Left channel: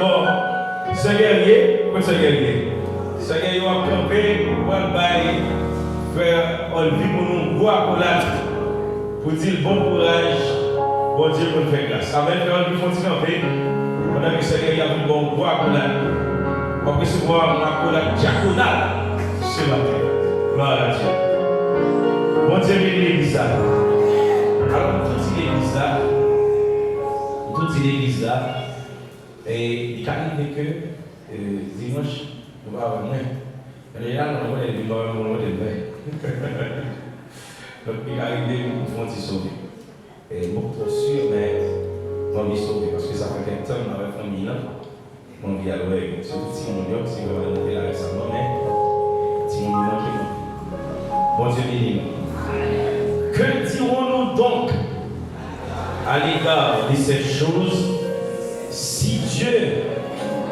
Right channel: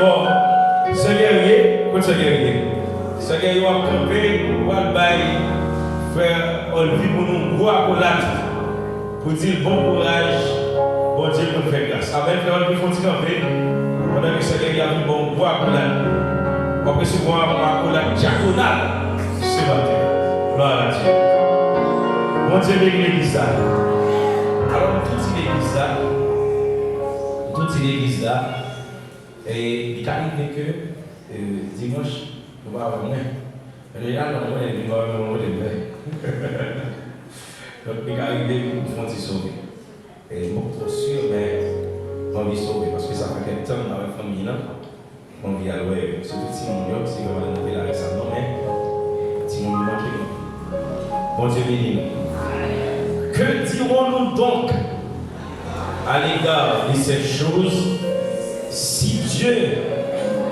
bon, c'est guerrier, quoi c'est guerrier? C'est guerrier, on va camper, on va faire un vie pour nous, boire pour la pour dire bon courage, bon Dieu pour nous faire grâce. Amen, frère, il faut dire camper, on a vu c'est guerrier, bon boire pour la on peut se voir pour la diaconale ce matin. Gloire à Dieu. Bon Dieu, l'église là. Alors, toute l'église là, et il arrive que dimanche, nous allons avoir moins. Mais là, nous allons avoir moins de vrai. Donc, il arrive que nous allons sauver. Et moi, je suis sûr, mais on va sauver parce que ça fait quelques temps dans la famille là. On vit à l'ouest, surtout si mon Dieu, c'est qu'on va monter la reste à non, mais si mon Dieu manque, bon Dieu béni. Que dirons-nous donc à l'égard de ces choses si Dieu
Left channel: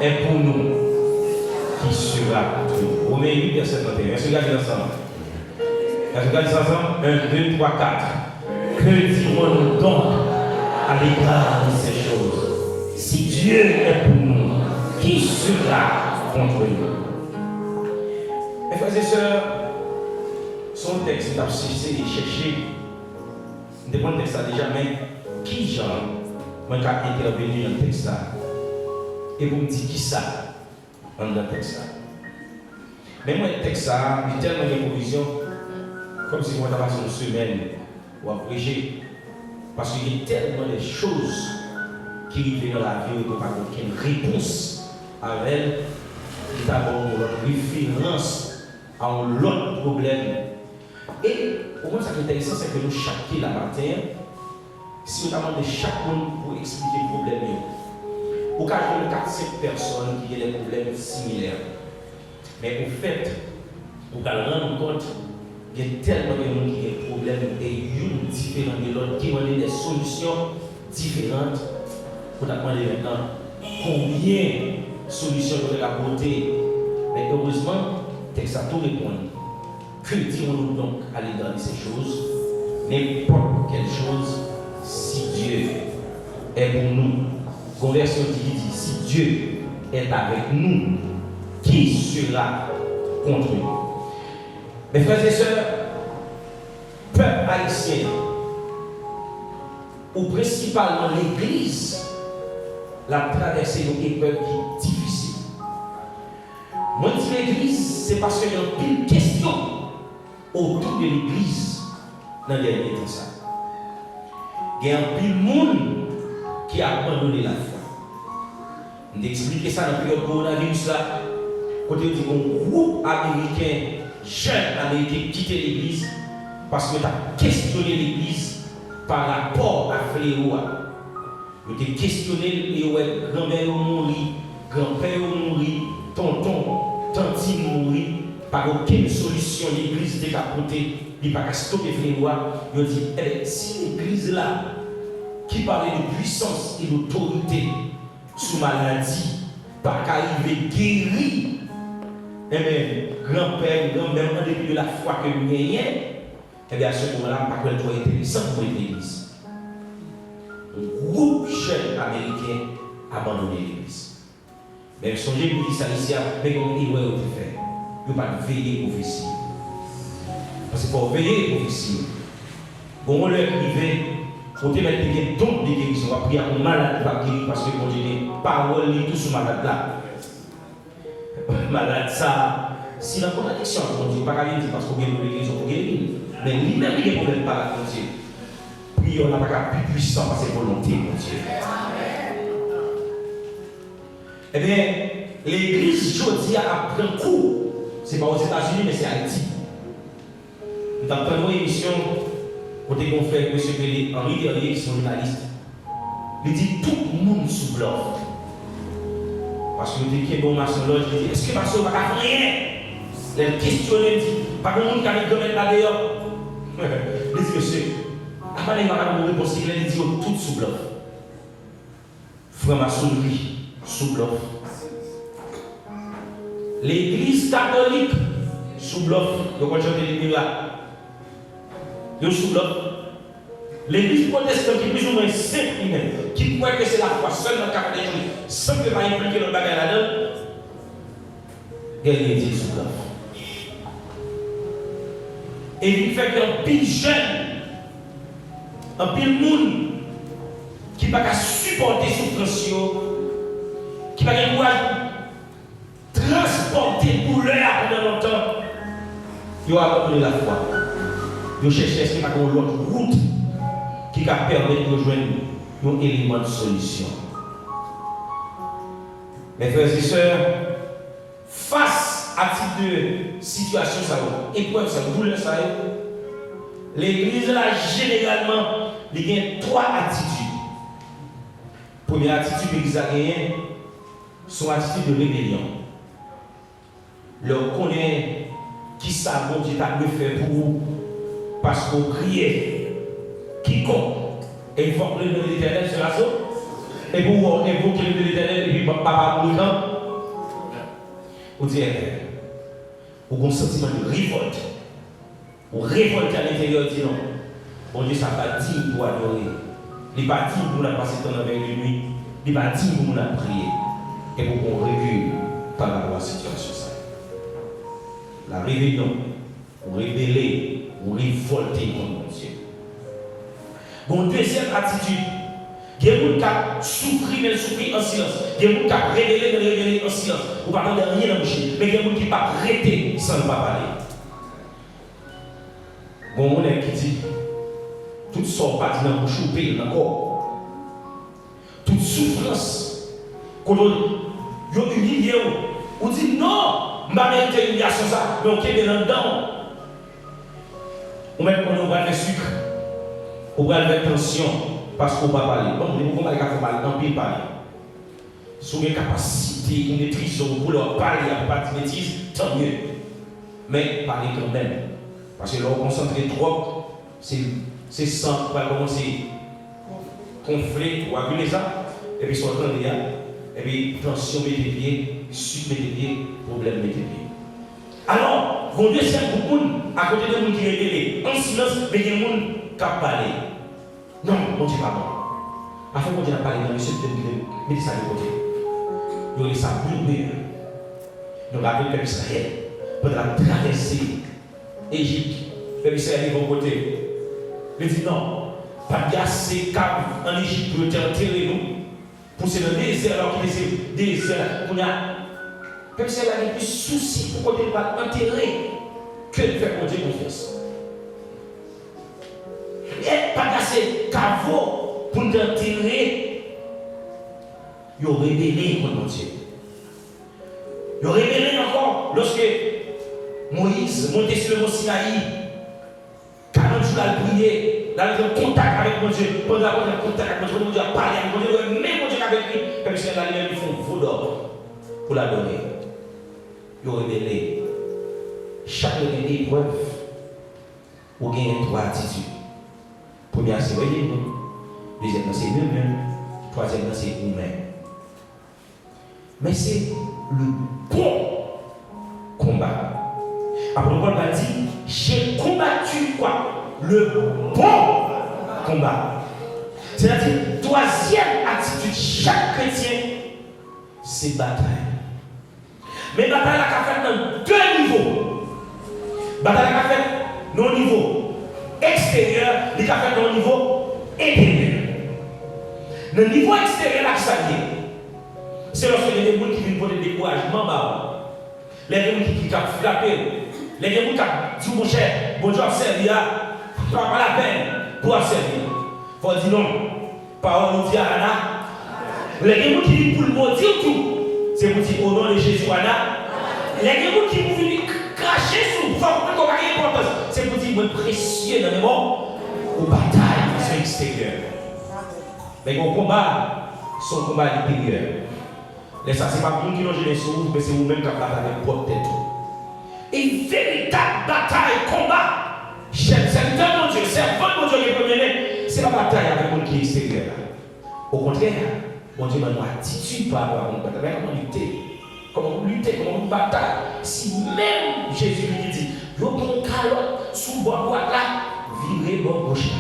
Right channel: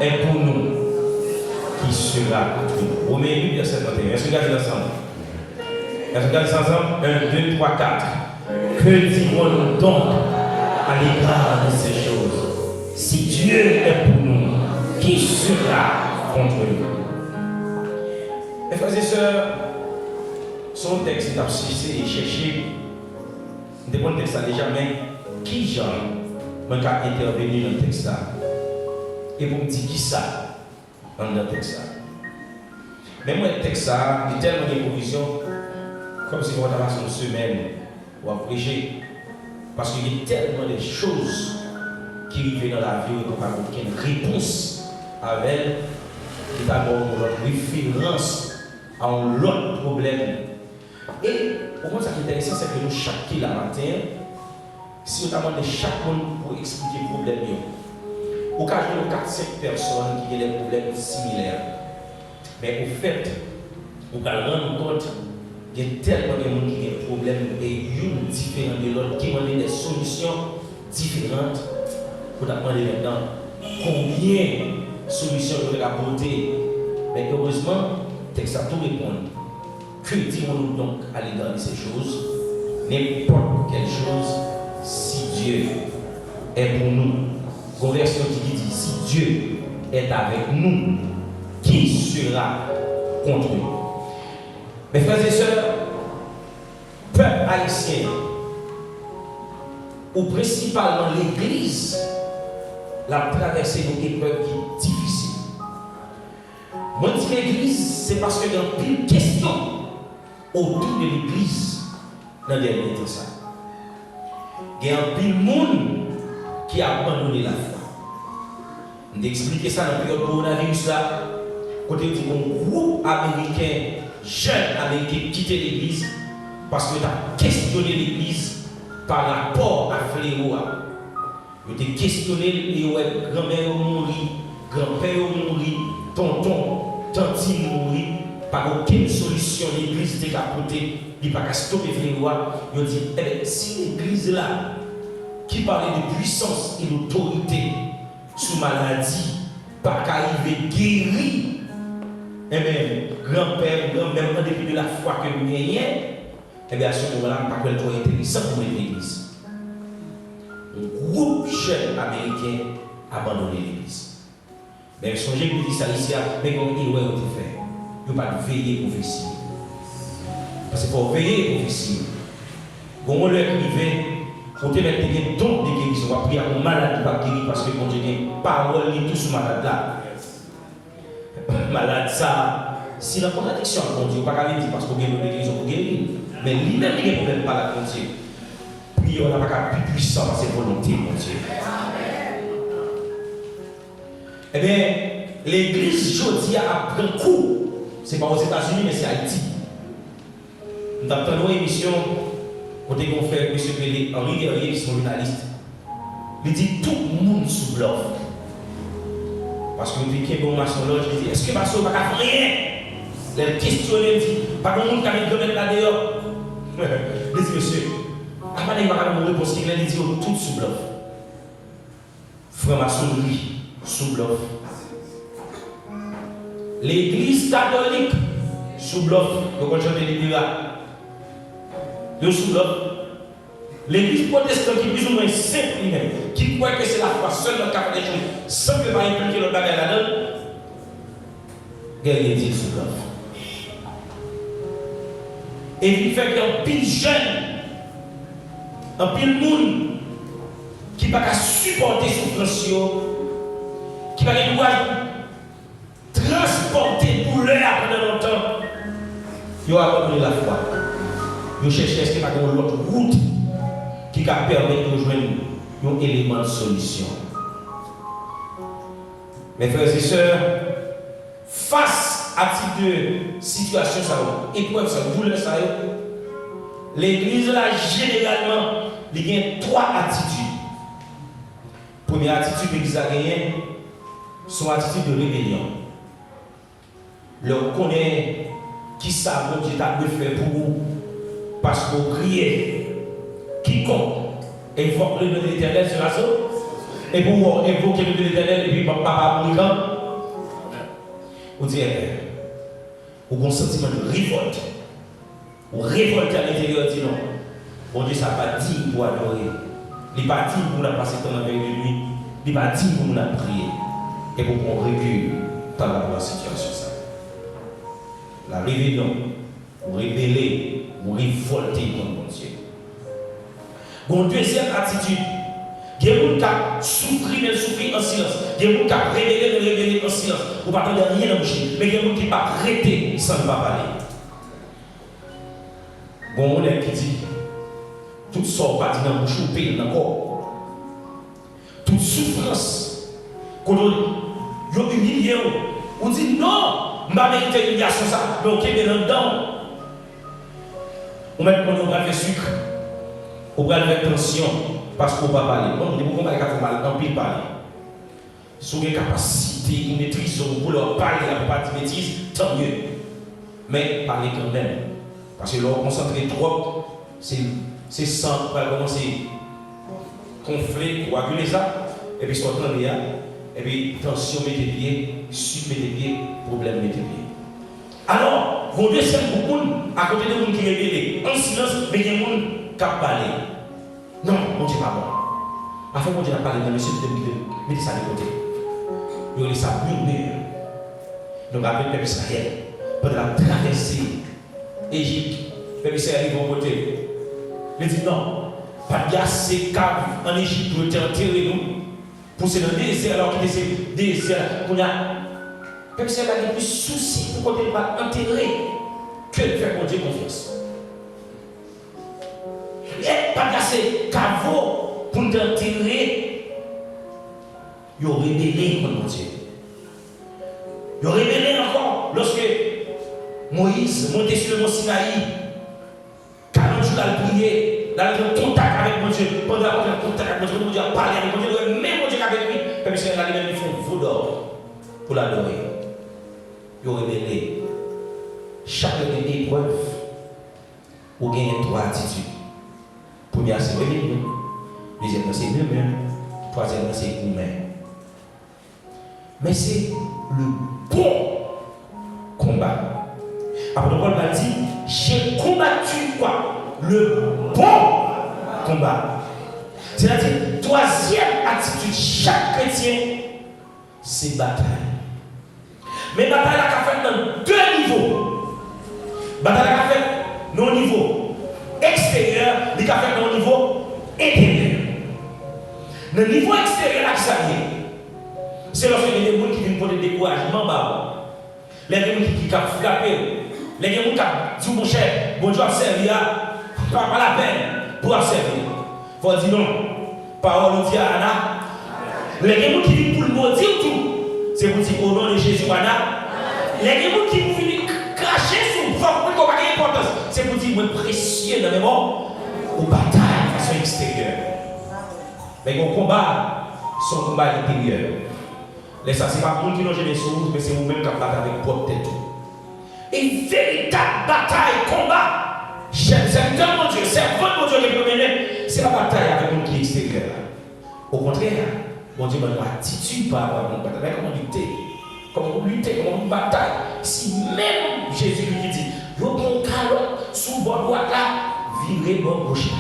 est pour nous, qui sera pour nous? Romains 8, verset 31. Est-ce que vous regardez ensemble? Est-ce que vous regardez ensemble? 1, 2, 3, 4. Que dirons-nous donc à l'égard de ces choses si Dieu est pour nous? Qui sera contre nous? Mes frères et sœurs, son texte est abscissé et cherché. Nous devons le texte déjà, mais qui Jean m'a intervenu dans le texte là? Et pour me dire qui ça dans le texte là? Mais moi, le texte là, il est tellement de provisions, comme si on avait passé une semaine pour prêcher. Parce qu'il y a tellement de choses qui arrivent dans la vie où on n'a pas aucune réponse. Avec d'abord notre référence à un autre problème. Et au moins, ce qui est intéressant, c'est que nous, chaque matin, si nous avons chaque monde pour expliquer le problème, au cas où 4-5 personnes qui ont des problèmes similaires. Mais au fait, vous allez rendre compte qu'il y a tellement de gens qui ont des problèmes et une différents de l'autre, qui ont des solutions différentes. Vous allez maintenant combien solution de la beauté. Mais heureusement, le texte a tout répondu. Que dirons-nous donc à l'égard de ces choses? N'importe quelle chose, si Dieu est pour nous. Conversion qui dit, si Dieu est avec nous, qui sera contre nous? Mes frères et sœurs, peuple haïtien, ou principalement l'Église, la traversée d'une épreuve qui est difficile. Moi, je dis l'église, c'est parce qu'il y a une pile de questions autour de l'église dans le dernier temps. Il y a un pile de monde qui a abandonné la foi. On a expliqué ça dans le période coronavirus là. Quand on dit qu'un groupe américain, jeune américain, quitté l'église parce que tu as questionné l'église par rapport à fléau. Vous avez questionné, grand-mère mourir, grand-père mourir, tonton, tantine mourir, par aucune solution, l'église était à côté, il n'y a pas qu'à stopper les lois. Vous dit, si l'église là, qui parlait de puissance et d'autorité sous maladie, pas qu'arriver guéri, et bien, grand-père, grand-mère, depuis de la foi que nous gagnons, et bien à ce moment-là, pas que le intéressant pour l'église. Un groupe jeune américain a abandonné l'église. Mais songez que vous dites ça ici, mais comment il va faire? Il ne faut pas veiller pour officier. Parce qu'il faut veiller pour officier. Bon, on leur privé, pour te mettre des dons de guérison, on va prier à un malade qui va guérir parce que quand j'ai parole, il tout sur malade là. Malade ça, si la contradiction, on dit pas qu'à dire parce qu'on vient de guérison pour guérir. Mais lui-même, il ne peut pas la continuer. Puis on n'a pas plus puissant par ses volontés, mon Dieu. Eh bien, l'église aujourd'hui a pris un coup. Ce n'est pas aux États-Unis, mais c'est à Haïti. Nous avons une émission, côté confrère, M. Pélé, Henri Guerrier, qui est journaliste. Il dit tout le monde sous bloc. Parce que nous disons bon national, il dit est-ce que Pasteur va faire rien? Les questionnaires disent pas de monde qui a mis de là dehors. Il dit monsieur. Après, il m'a répondu parce qu'il a dit tout sous bloc. Franc-maçonnerie sous bloc. L'église catholique sous bloc. Donc, on chante les là. De sous bloc. L'église protestante qui est plus ou moins simple, qui croit que c'est la foi seule dans le cas des jours, sans que gagner des sous-grave. Et il fait qu'un pile jeune, un pile monde qui ne peut pas supporter souffrance, qui ne peut pas transporter douleur pendant longtemps, il a abandonné la foi. Il cherche est-ce qu'il y a une autre route qui va permettre de joindre un élément de solution. Mes frères et sœurs, face à ce type de situation, épreuve, douleur, l'Église là généralement, il y a 3 attitudes. Première attitude que l'Église a gagnée, son attitude de rébellion. Leur connaît qui ça bon Dieu t'a fait pour vous parce qu'on criait quiconque et il faut que le nom de l'Éternel sur la sauce et pour évoquer le nom de l'Éternel et puis papa pour le camp vous dites vous avez un sentiment de révolte ou révolte à l'intérieur dit non bon Dieu ça pas dit pour adorer il n'est pas dit pour nous passer temps avec lui il n'est pas dit pour nous prier et pour qu'on recule par rapport à la situation ça. La rébellion, ou rébeller, ou révolter contre Dieu. Bon, deuxième attitude, il y a des gens qui souffrent, mais souffrent en silence. Il y a des gens qui rebellent en silence. Ou pas de rien dans le bouche, mais il y a des gens qui ne peuvent pas arrêter sans ne pas parler. Bon, on est qui dit, tout sort pas dans la bouche ou paye dans le corps. Toute souffrance, quand on est humilié, on dit non. Ma mère humiliation ça, donc il est dedans. Ou même quand on va faire sucre, on va faire tension, parce qu'on va parler. On dit qu'on va faire mal, on peut parler. Si on a une capacité, une maîtrise, pour leur parler, la pas de bêtises, tant mieux. Mais parler quand même. Parce que leur concentrer trop, c'est sans, va commencer conflit, coaguler ça, et puis soit en là, et puis tension met les pieds, sucre met les pieds, problème met les pieds. Alors, vos deux c'est beaucoup à côté de nous qui révélent en silence, mais il y a des gens qui parlent. Non, on ne dit pas bon. Afin qu'on dise parler dans le sud de mais ça de côté. Ils ont laissé ça murmurer. Nous rappelons le peuple Israël pendant la traversée Égypte. Le peuple Israël arrive au côté. Il dit non, pas de assez câble en Égypte pour enterrer nous. Pour c'est le désert alors qu'il est désert. Le peuple Israël a plus souci pour qu'on ne pas enterrer que de faire pour Dieu confiance. Et pas assez caveau pour nous enterrer. Ils ont rébellé contre Dieu. Ils ont rébellé encore lorsque Moïse montait sur le mont Sinaï. 40 jours à prier, il a eu contact avec mon Dieu. Pendant qu'il a contact avec mon Dieu, il a parlé avec mon Dieu, même mon Dieu avec lui. Le peuple Israël ils font veau d'or pour l'adorer. Ils ont rébellé. Chaque épreuve, vous gagnez 3 attitudes. Première, c'est rébellion. Deuxième, c'est murmure. Troisième, c'est humain. Mais c'est le bon combat. Après, Paul a dit, j'ai combattu quoi? Le bon combat. C'est-à-dire, troisième attitude, chaque chrétien, c'est bataille. Mais bataille a fait dans 2 niveaux. Bataille a fait dans le niveau extérieur, il a fait dans le niveau intérieur. Le niveau extérieur, là, ça vient. C'est lorsque il y a des gens qui viennent pour le découragement, les gens qui ont frappé, les gens qui ont dit mon cher, bon Dieu a servi, pas la peine pour servir. Il faut dire non, parole de Dieu à Anna. Les gens qui viennent pour le mot dire tout, c'est pour dire au nom de Jésus Anna. Les gens qui viennent cracher sur le corps, pour qu'il y ait importance, c'est pour dire précieux dans le monde, ou bataille de façon extérieure. Mais au combat, son combat intérieur. Ça, ce n'est pas vous qui logez les choses, mais c'est vous-même qui avez avec votre tête. Une véritable bataille, combat. Serviteur mon Dieu, servant mon Dieu qui peut mener, c'est la bataille avec mon qui est extérieur. Au contraire, mon Dieu m'a une attitude par rapport à mon bataille. Comment lutter, comment bataille. Si même Jésus lui dit, vous avez un calotte sous votre droite là, virez bon gauche.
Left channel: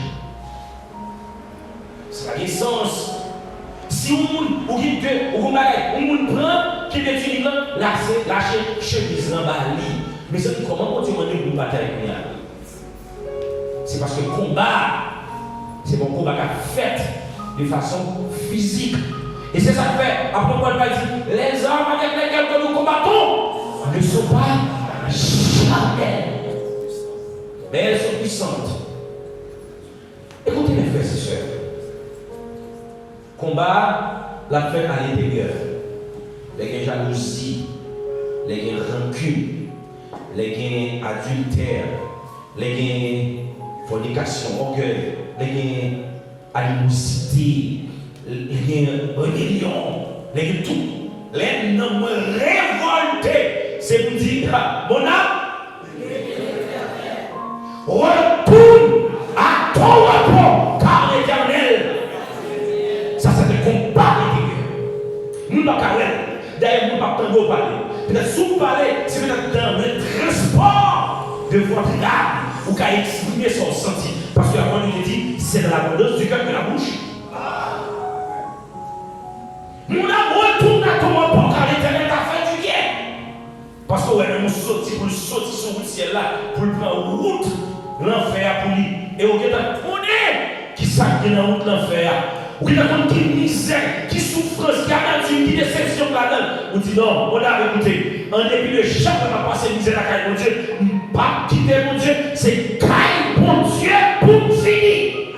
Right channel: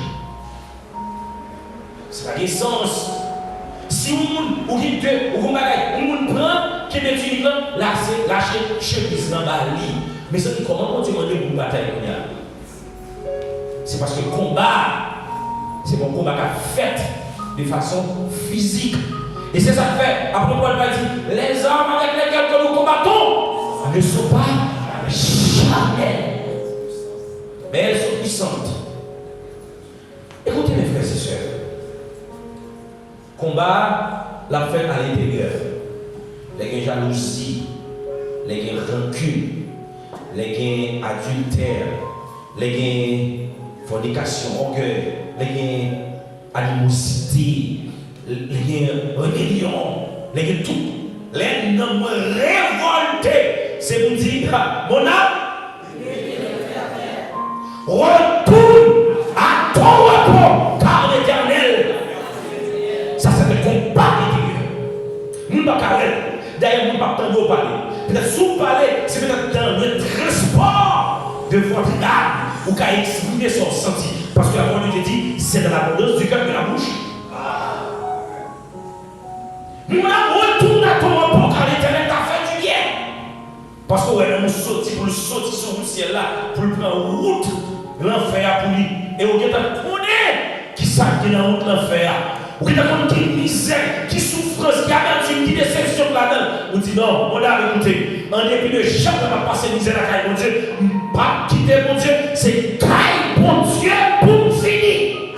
C'est la naissance. Si vous prend, qui qui est uniquement lâcher chemise dans la lit. Mais c'est comment on dit pour une bataille? C'est parce que le combat, c'est mon combat qui a fait de façon physique. Et c'est ça que fait, après Paul va dire, les armes avec lesquelles nous combattons ne sont pas jamais, mais elles sont puissantes. Écoutez mes frères et sœurs, combat, la fait à l'intérieur, les jalousies, les rancune, les adultère, les fornication, orgueil, les animosité, les rébellion, les tout, les noms révoltés, c'est pour dire, mon âme, retourne à ton repos, car l'Éternel, ça c'est le combat intérieur. Nous ne pouvons pas d'ailleurs, nous ne pouvons pas parler. Peut-être si vous parlez, c'est peut-être dans le transport de votre âme, ou qu'à exprimer son senti. Parce que la parole de Dieu dit, c'est dans l'abondance du cœur de la bouche. Nous retourne à ton repos car l'Éternel t'a fait du bien. Parce que ouais, nous sortis pour le sortir sur le ciel là, pour le prendre route, l'enfer pour lui. Et on connaît qui s'agit dans la route l'enfer. Ou qui a qui misère, qui souffrance, qui amertume, qui déception là-dedans. On dit non, on a écouté. En dépit de chaque fois qu'on passe misère à caille, mon Dieu, pas quitter mon Dieu, c'est caille mon Dieu pour finir.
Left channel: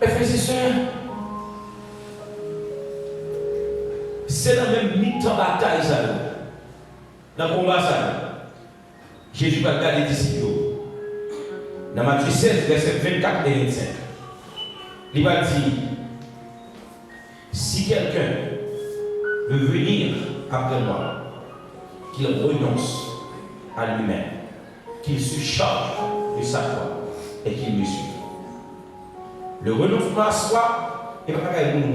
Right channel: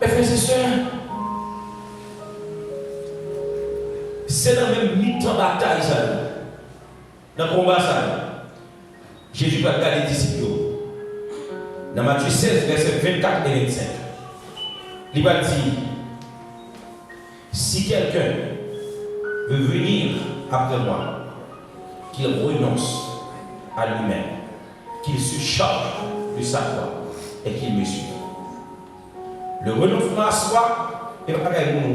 Mes frères et sœurs, c'est dans le même mi-temps bataille ça. Dans le combat ça. Jésus va regarder les disciples. Dans Matthieu 16, versets 24 et 25. Il va dire, si quelqu'un veut venir après moi, qu'il renonce à lui-même, qu'il se charge de sa foi et qu'il me suive. Le renoncement à soi n'est pas quelque chose.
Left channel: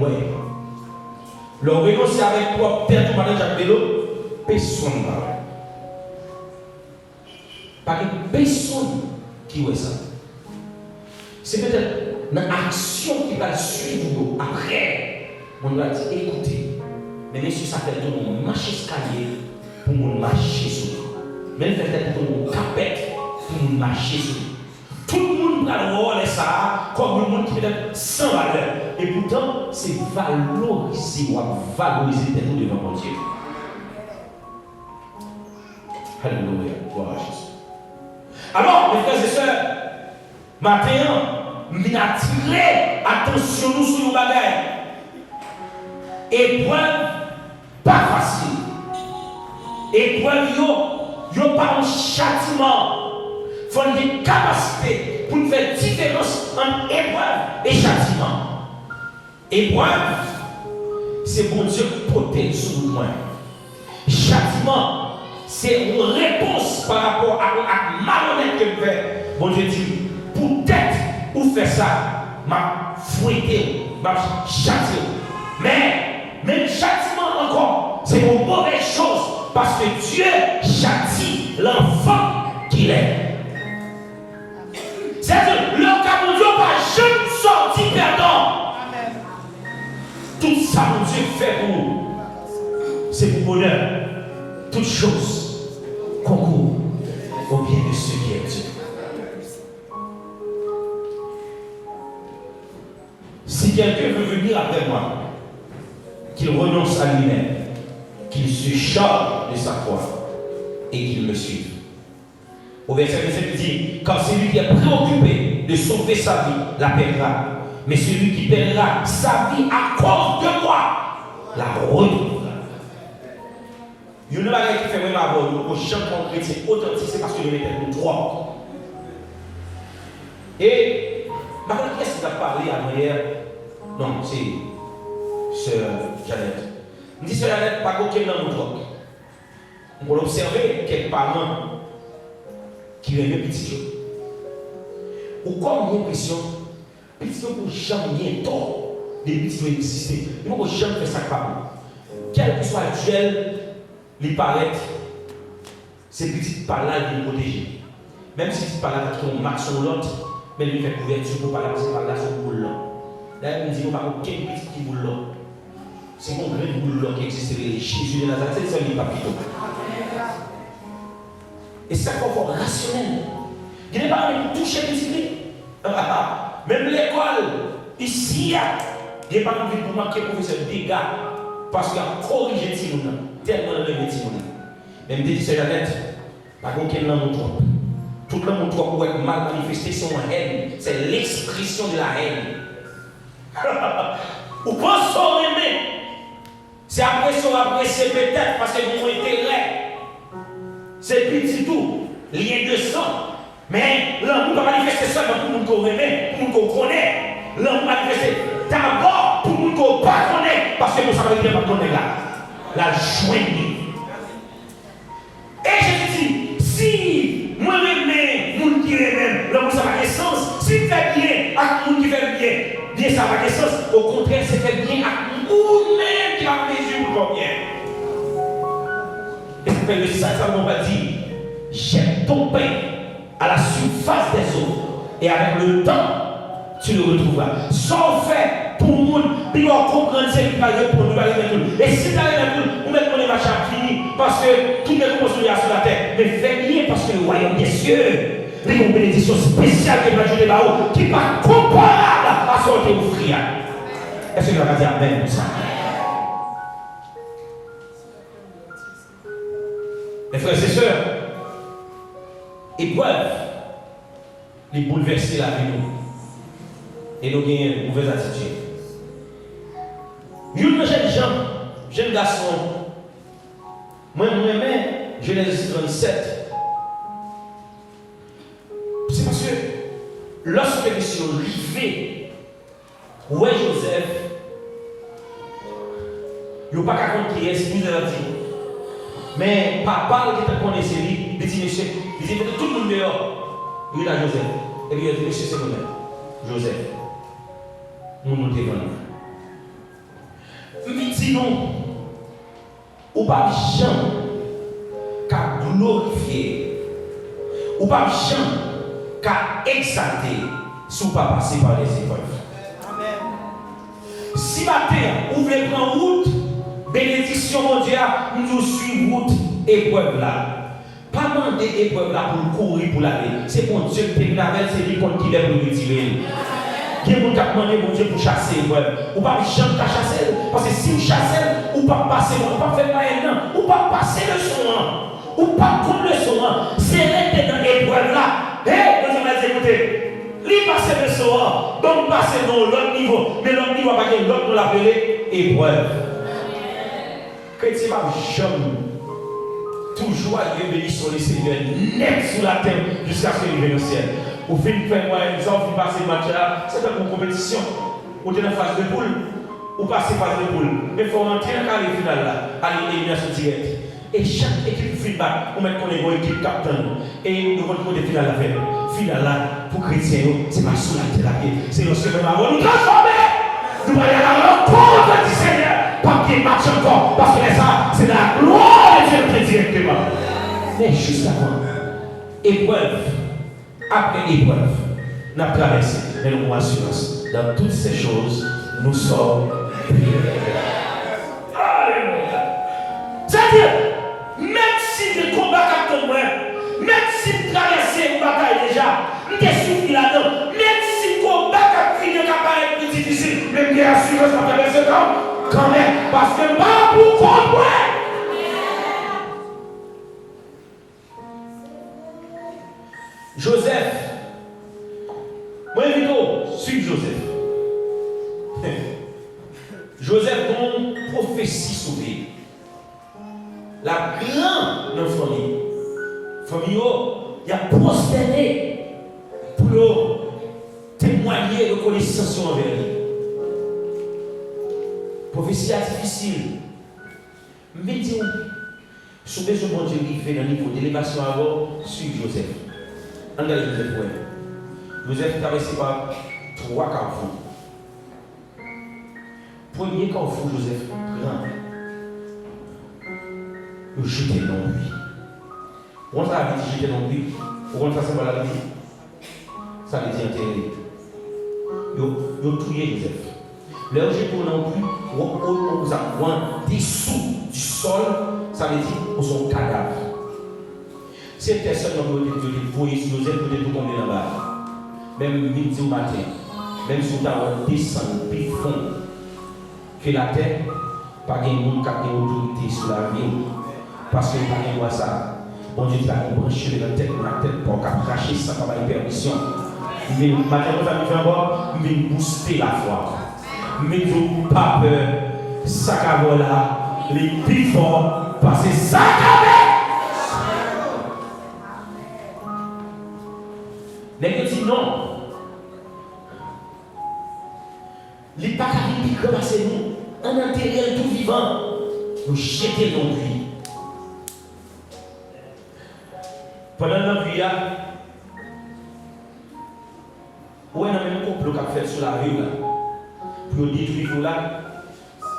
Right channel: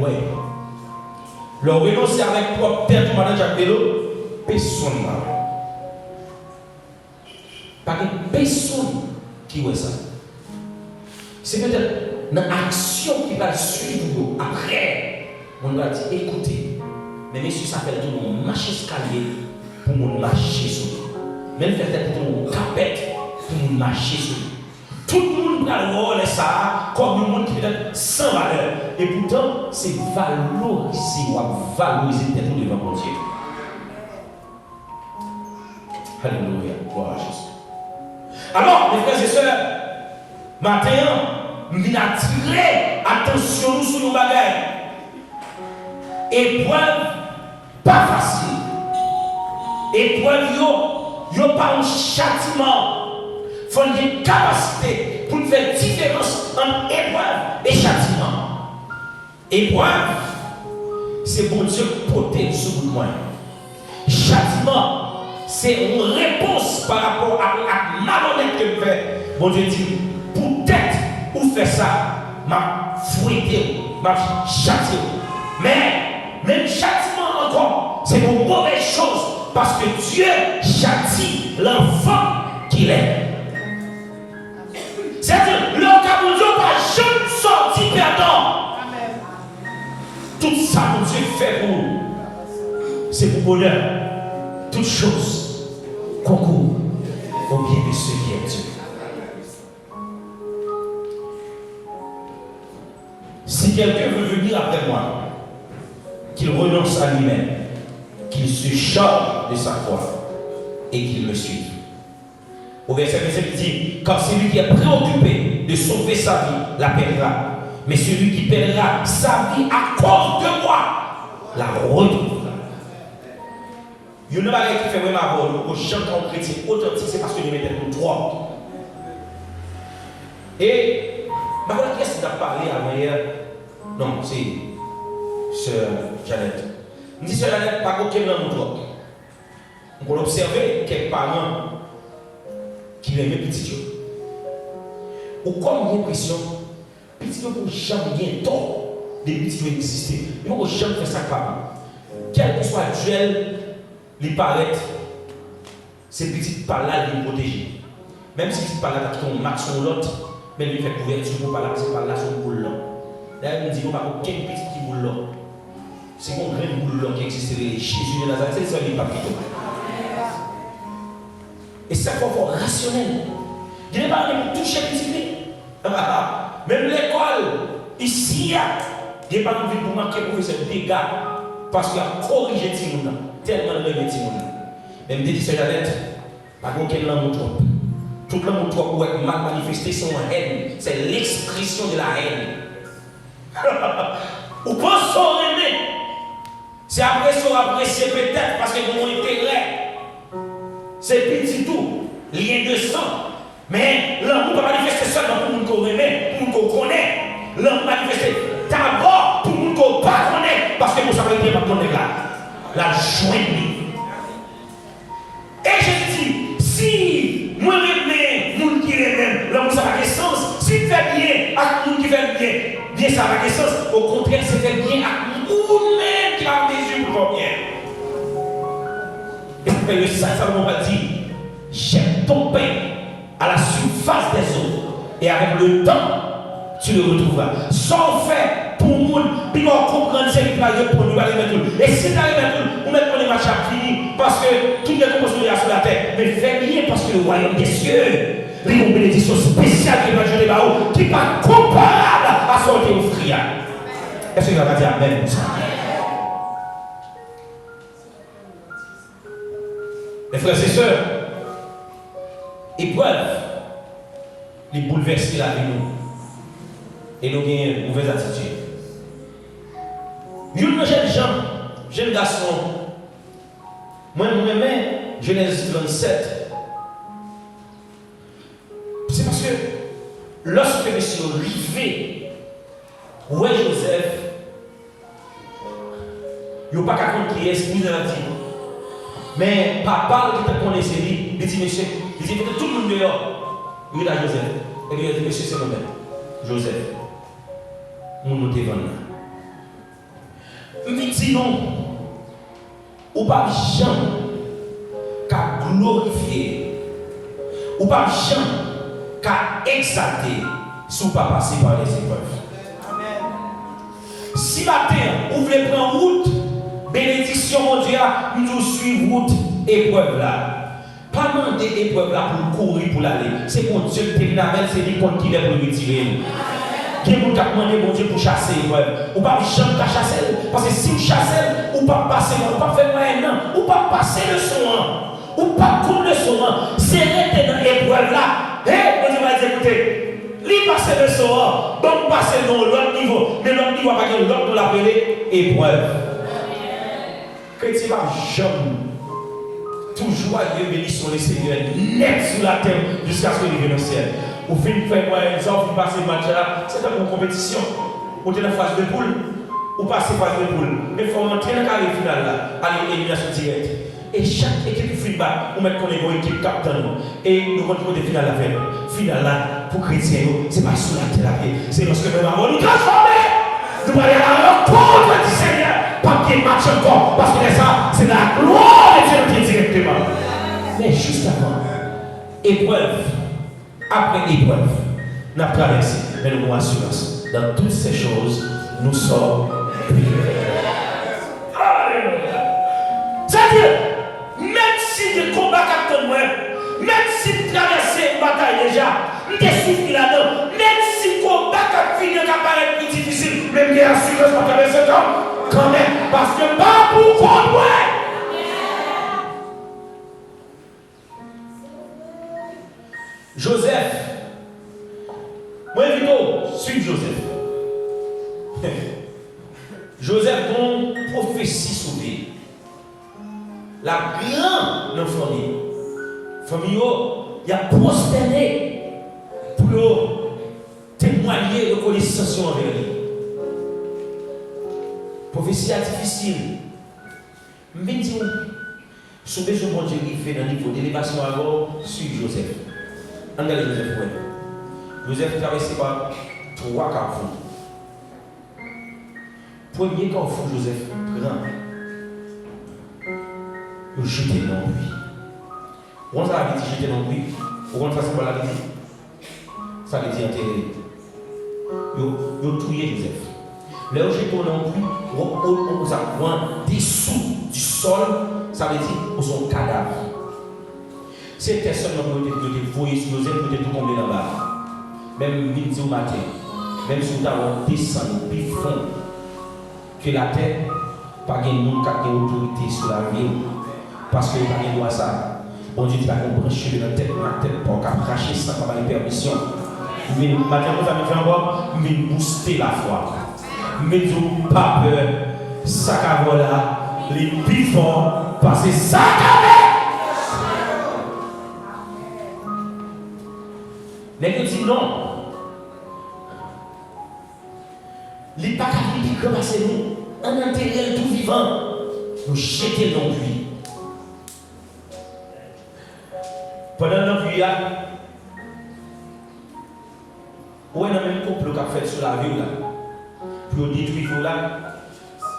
Le renoncer avec propre tête, comme on a vélo, personne n'a. Pas que personne qui voit ça. C'est peut-être dans l'action qui va suivre après. On va dire, écoutez, mais bien sûr, ça fait tout le monde marcher escalier pour nous marcher sur lui. Même fait tout le monde capette pour nous marcher sur lui. Tout le monde a le rôle ça comme un monde qui peut être sans valeur. Et pourtant, c'est valoriser ou valoriser d'être devant mon Dieu. Alléluia, gloire à Jésus. Alors, mes frères et sœurs, maintenant, nous attirer attention sur nos bagages. Épreuve pas facile. Épreuve, yo pas un châtiment. Il faut une capacité pour faire différence entre épreuve et châtiment. Épreuve, c'est pour Dieu porter sur nous. Châtiment, c'est une réponse par rapport à ma malhonnête que je fais. Bon Dieu dit, peut-être ou faire ça, m'a fouetté, m'a châtié. Mais, même châtiment encore, c'est pour mauvaise chose. Parce que Dieu châtie l'enfant qu'il est. C'est-à-dire, le cas où Dieu va jamais sortir perdant. Tout ça, mon Dieu fait pour nous. C'est pour bonheur. Toutes choses concourent au bien de ceux qui aiment Dieu. Si quelqu'un veut venir après moi, qu'il renonce à lui-même, qu'il se charge de sa foi et qu'il me suive. Au verset 27, il dit, car celui qui est préoccupé de sauver sa vie la perdra, mais celui qui perdra sa vie à cause de moi la retrouvera. Il y a une chose qui fait vraiment avoir aux gens comme chrétiens authentiques, c'est parce que nous mettons droit. Et maintenant, qu'est-ce qu'il a parlé à hier? Non, c'est Sœur Jeannette. Il dit Sœur Jeannette, pas aucun homme drogue. On peut observer quelques parents qui aiment petit. Ou comme l'impression, petit ne peut jamais tort des petits qui existent. Il ne peut jamais faire ça par quel que soit le duel, les paraît, ces petites par-là, ils les protègent. Même si ces par-là, qui ont marqué sur l'autre, mais lui fait couverture pour par-là, c'est par-là, son boule là. Là, il me dit, il n'y a pas aucun petit qui boule là. existe Jésus de Nazareth, c'est le seul papito. Et ça, il faut rationnel. Il n'est pas de toucher les même l'école, ici, il n'est pas envie pour marquer le professeur dégâts parce qu'il a corrigé Timouna, tellement de Timouna. Même des disciples par contre, quelle langue trop. Toute langue trop pour être mal manifesté son haine. C'est l'expression de la haine. Ou pas son aimer. C'est après son apprécié peut-être parce que mon intérêt. C'est petit tout, lien de sang. Mais l'homme ne peut pas manifester seulement pour nous qu'on aime, pour nous qu'on connaît. L'homme manifester d'abord pour nous qu'on pas connaît, parce que nous savons bien qu'on est là. La joie. Et je dis, si moi-même, nous qui même, l'homme ça va sens, s'il fait bien à nous qui fait bien ça va sens, au contraire, c'est fait bien à nous-mêmes qui la mesure pour bien. Et ça fait le Satan va dire, j'aime ton pain à la surface des eaux, et avec le temps, tu le retrouveras. Sans fait pour nous, puis on comprend ce qui va arriver pour nous arriver tout. Et si tu arrives tout, on met ton marché à fini, parce que tout est construit sur la terre. Mais fais bien parce que le royaume des cieux, il y a une bénédiction spéciale qui va ajouter là-haut, qui va comparable à ce que vous offrir. Est-ce que vous allez dire Amen pour ça? Mes frères et sœurs, épreuve, les bouleverser la vie nous. Et nous avons une mauvaise attitude. Une jeune garçon, moi-même, Genèse 27. C'est parce que lorsque je suis arrivé, où est Joseph, il n'y a pas qu'à compter qui est, c'est plus de la dire. Mais papa qui te connaît, c'est lui, il dit monsieur, il dit tout le monde dehors. Il est là Joseph. Et il dit monsieur, c'est nous-mêmes. Joseph. Nous te vendons. Mais dis-nous, ou pas Jean qu'à glorifier, ou pas Jean qu'à exalter, si vous pas passer par les épreuves. Amen. Si matin, vous voulez prendre route, bénédiction mondiale, nous suivons route, épreuve là. Pas demander épreuve là pour courir pour l'aller. C'est mon Dieu qui est c'est lui qui est pour le retirer. Qui vous a demandé mon Dieu pour chasser l'épreuve. Ou pas jamais qu'à chasser. Parce que si vous chassez, ou pas passer, ou pas faire moyen, ou pas passer le son, ou pas prendre le son. C'est rester dans l'épreuve là. Et vous allez écouter. Lui passer le son, donc passer dans l'autre niveau. Mais l'autre niveau va pas dire l'autre de l'appeler épreuve. Chrétien va jamais. Toujours Dieu béni sur le Seigneur, net sur la terre jusqu'à ce qu'il vienne au ciel. Vous finissez faire un exemple, vous passez le match là, c'est pas une compétition. Vous êtes en phase de poule, vous passez phase de poule. Mais il faut rentrer dans le carré final là, à l'élimination directe. Et chaque équipe qui finit bas, vous mettez comme une équipe capitaine. Et nous rentrons des finales à faire. Finale là, pour chrétiens, c'est pas sur la terre, c'est lorsque nous allons nous transformer. Nous allons aller à l'encontre du Seigneur. Pas qu'il marche encore, parce que ça, c'est la gloire de Dieu directement. Mais juste avant, épreuve, après épreuve, nous avons traversé, mais nous avons assurance. Dans toutes ces choses, nous sommes prêts. C'est-à-dire, même si le combat comme moi, même si vous traversez une bataille déjà, vous êtes souffert là-dedans, même si le combat qui finit est plus difficile, même si l'assurance va traverser le temps, quand même, parce que pas pour comprendre. Joseph, moi plutôt, suis Joseph. Joseph, dont prophétie sauvée. La grande famille. Famille, il a prospéré pour témoigner reconnaissance envers lui. Prophétie difficile. Mais dis-nous, si vous avez besoin de Dieu, dans le niveau d'élévation avant, suivez Joseph. Regardez Joseph. Joseph est traversé par 3 carrefours. Premier carrefour, Joseph, grand. Le jeter dans lui. On ça veut dire jeter dans lui. Vous comprenez ça la vie? Ça veut dire enterrer. Vous tuez Joseph. Le rejeton non plus, on a dessous du sol, ça veut dire qu'on son cadavre. Cette personne qui a voyé sur Joseph, peut être tombé là-bas. Même midi au matin, même si vous avez descendu plus fond que la terre, pas de monde qui a autorité sur la vie. Parce que pas de ça. Bon Dieu, tu vas brancher dans la tête pour cracher sans avoir de permission. Mais maintenant, nous avons fait encore, mais booster la foi. Mais nous pas peur. Ça là, les plus forts, parce que ça mais il dit non. Les pacaliers qui commencent nous, en enterrer tout vivant, nous jeter dans lui. Pendant la pluie, où est le même complot qu'a fait sur la ville pour détruire là?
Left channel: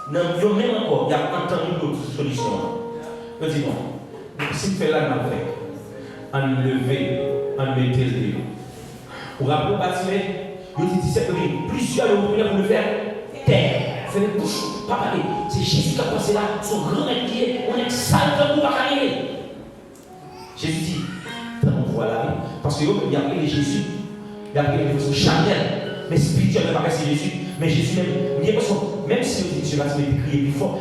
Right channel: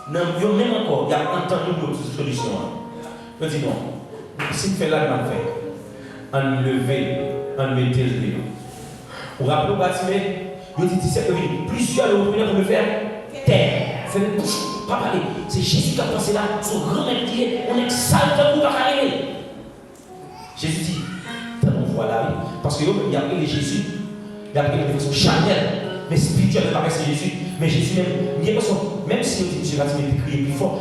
Non, il y a même encore, il y a entendu d'autres solutions. Je dis non, si tu fais là, on fait. On lever, on mettre le démon. Pour rappeler au bâtiment, il dit c'est plusieurs pour le faire terre. C'est le bouche, pas parler. C'est Jésus qui a pensé là, son grand pied, on est sale pour pas parler. Jésus dit, voilà, parce qu'il a appelé Jésus, il a appelé de façon charnelle, mais spirituellement, c'est Jésus. Mais Jésus même si le Dieu va crier plus fort,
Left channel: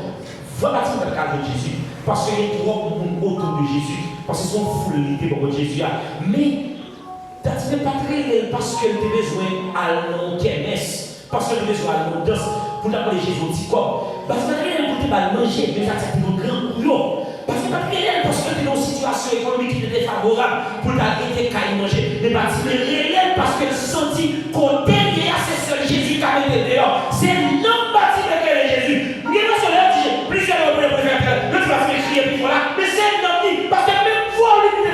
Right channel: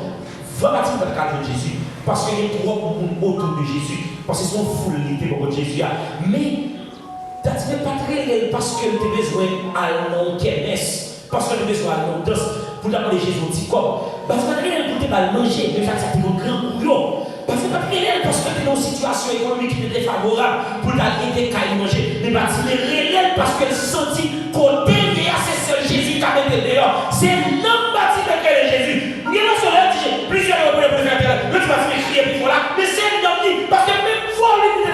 va bâtir dans le cadre de Jésus, parce qu'il y a trop de monde autour de Jésus, parce qu'ils sont foulés pour Jésus. Mais tu n'es pas très parce que tu as besoin à mon kermesse, parce que tu as besoin à mon danse, pour t'appeler Jésus au petit corps. Parce que tu n'es pas pour te manger, mais tu as un grand couillon. Parce que tu n'es pas très parce que tu es dans une situation économique qui est défavorable pour t'aider à manger. Mais tu es réel parce que tu sens qu'on t'aide à ce seul Jésus qui a mis dehors. C'est non bâti de quel Jésus. Il y a sur le dit plusieurs reprises pour faire le tu vas faire crier puis voilà. Mais c'est un homme parce que même fois on lui dit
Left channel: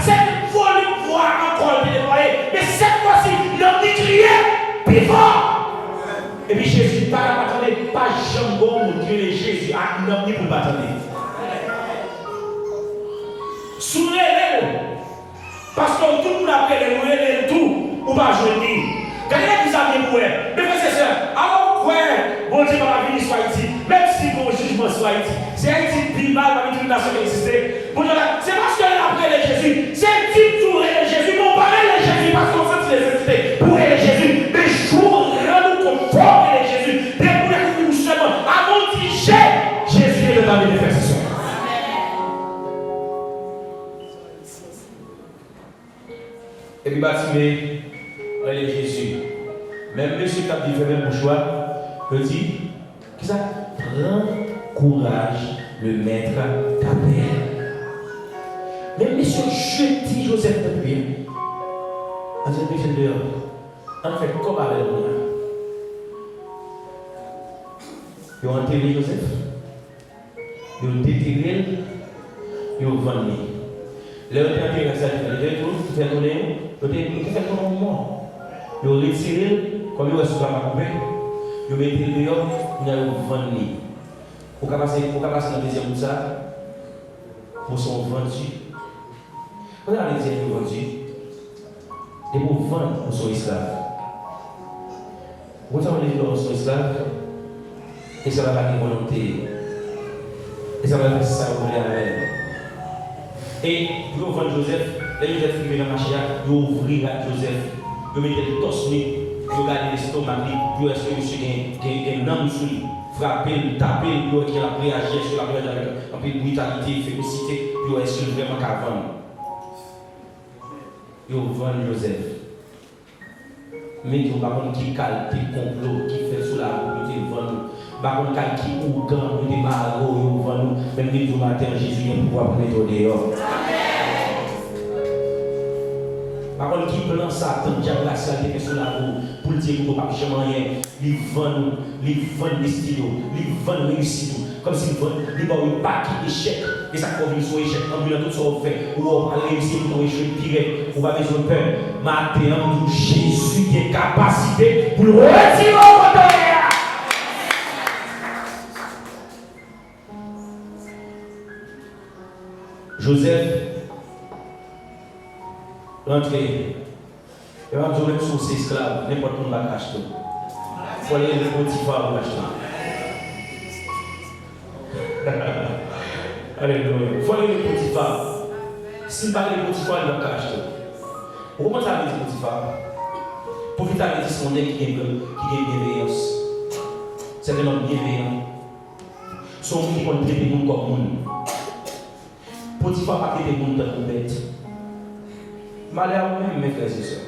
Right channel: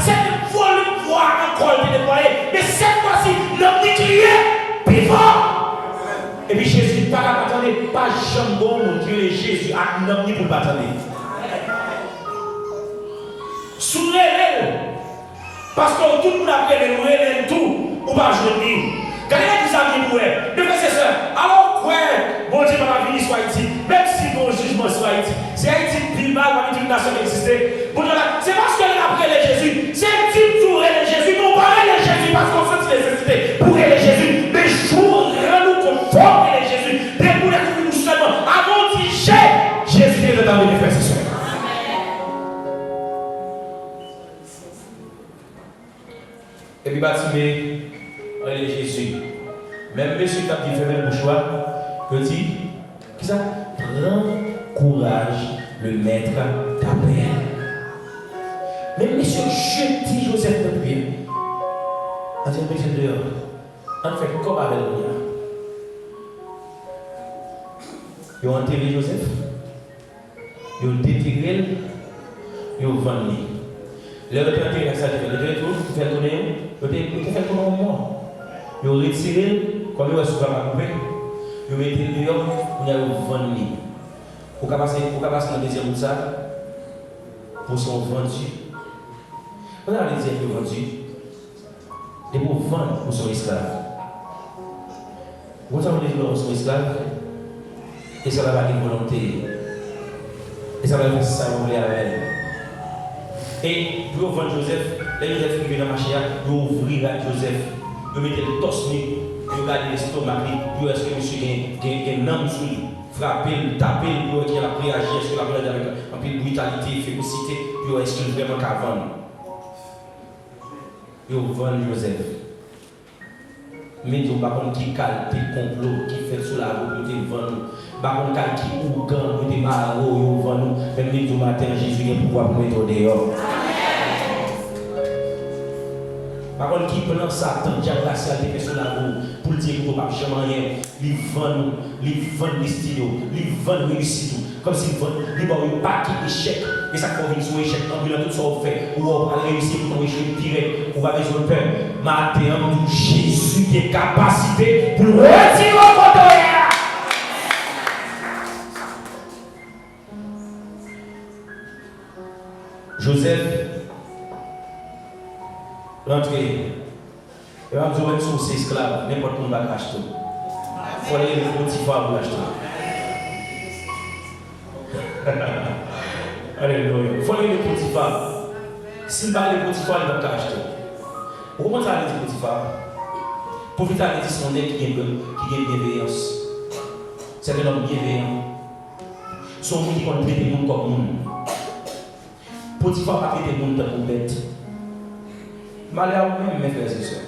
c'est une fois on lui voit encore le déployer. Mais cette fois-ci, l'homme dit crier puis fort. Et puis Jésus pas attendre pas jambon Dieu et Jésus à l'homme pour pas attendre. Sourez-le. Parce que tout le monde appelle le tout, ou pas je le dis. Quand il y a des amis pour elle, mais c'est ça. Alors, ouais, bon Dieu va venir sur Haïti, même si mon jugement sur Haïti, c'est Haïti plus mal parmi une nation qui existait. Bon Dieu, c'est parce qu'elle a appris les Jésus. C'est un type pour les Jésus, mon parrain les Jésus, parce qu'on sent les nécessités pour les Jésus. Mais je rends-nous conforme les Jésus. Dès que nous seulement, avant d'y Jésus est le temps de faire ce soir. Et puis, bâtimé, on est Jésus. Même monsieur qui a dit, fait même choix, petit, qui ça? Prends courage, le maître t'appelle. Même monsieur, je dis Joseph pour lui. On dit, mais dehors. En fait, comme avec le mien. Ils ont enterré Joseph. Ils ont déterré. Ils ont vendu. Les autres ont enterré ça, ils ont fait donner. Ils ont fait comme moi. Ils ont retiré. Comme ils ont souffert à couper, ils ont mis dehors, ils ont vendu. Pour passer dans la deuxième route, pour son vendu. On a les deuxième vendu. Et pour vendre pour son esclave. Vous avez dit pour son esclave, et ça va avoir une volonté. Et ça va faire ça, vous voulez avec. Et pour vendre Joseph, là Joseph qui vient dans le marché, vous ouvrez Joseph, vous mettez le torse nu. Vous regardez l'estomac, vous est-ce que monsieur a un homme sur lui, frapper, taper, vous qui a réagi sur la violence avec un peu de brutalité, férocité, vous est-ce que vraiment qu'à vendre. Vous vendez Joseph. Mais vous ne savez pas qui calme, qui complot, qui fait sous la route, qui vend. Par contre, qui ougan, qui démarre, vous vendez. Même si vous matin, Jésus vient pouvoir mettre au dehors. Par contre, qui prend ça, tant de la salle de sur la roue, pour dire que vous n'avez jamais rien, ils vendent les stylos, ils vendent les réussites, comme s'ils vendent, ils vendent un paquet d'échecs, et ça qu'on vient sur l'échec, en voulant tout ça fait, ou on va réussir pour échec pire, ou pas besoin de peur. Maintenant, Jésus qui est capacité pour retirer votre colère. Joseph, l'entrée, et va jouer sur ses esclaves, n'importe où on va acheter. faut aller le Potiphar pour l'acheter. Alléluia. Il faut aller le Potiphar. S'il va aller le Potiphar, il va l'acheter. Comment ça veut dire Potiphar? Potiphar veut dire son nez qui est bienveillance. C'est un homme bienveillant. Son qui va traiter le monde comme monde. Potiphar va traiter le monde comme bête. Malheur même, mes frères et sœurs.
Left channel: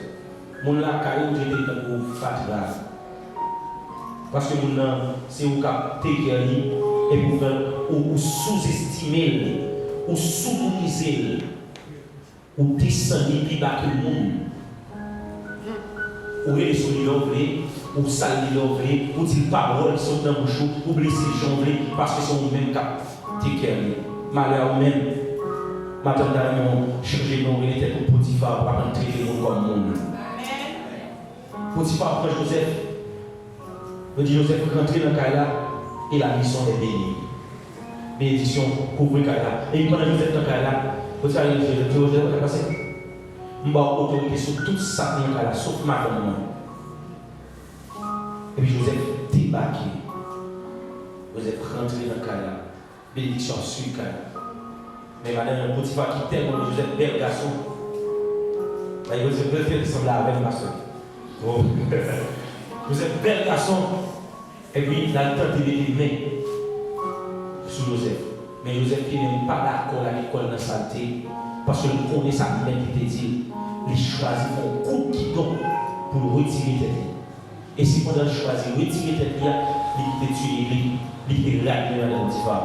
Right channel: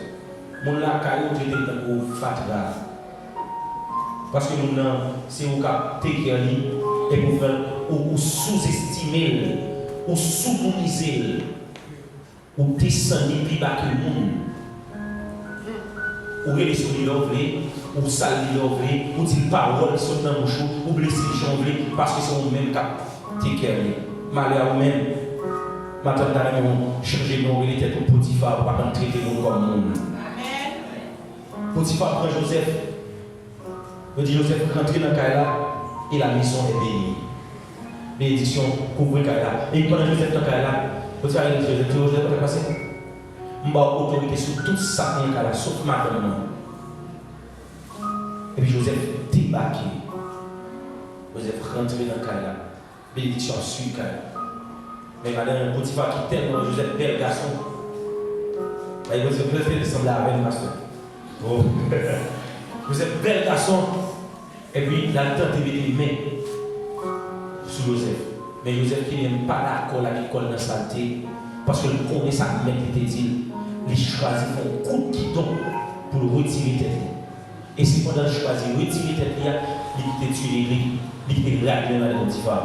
Mon la caillou traité comme fatigue. Parce que nous, c'est au cap t'éclairé et pour faire ou sous-estimer, ou sous-utiliser, ou descendre plus bas que le monde. Ou les souris l'ouvrir, ou salir l'ouvrir, ou dire paroles qui sont dans le bouche, ou blesser les gens, parce que c'est au même cap t'éclairé. Malheur même. Maintenant, nous changer nos têtes pour Potiphar pour pas traiter nous comme monde. Potiphar prend Joseph. Il dit Joseph rentre dans le cas et la mission est bénie. Bénédiction couvre le cas. Et il prend Joseph dans le cas. Potiphar dit Joseph, qu'est-ce qui passé? Je vais avoir autorité sur tout ça dans le cas, sauf ma maman. Et puis Joseph débarque. Joseph rentre dans le cas. Bénédiction suit le cas. Mais madame Potiphar qui tellement Joseph bel garçon. Joseph ressemble à un pasteur. Joseph bel garçon. Et puis il a tenté de mettre les mains sur Joseph. Mais Joseph qui n'est pas d'accord avec l'école de saleté. Parce que nous connaissons sa mère qui était dit. Il choisit un coup qui tombe pour retirer tête. Et si pendant qu'il choisit retirer tête, il était tué, il était ramené dans le Potiphar.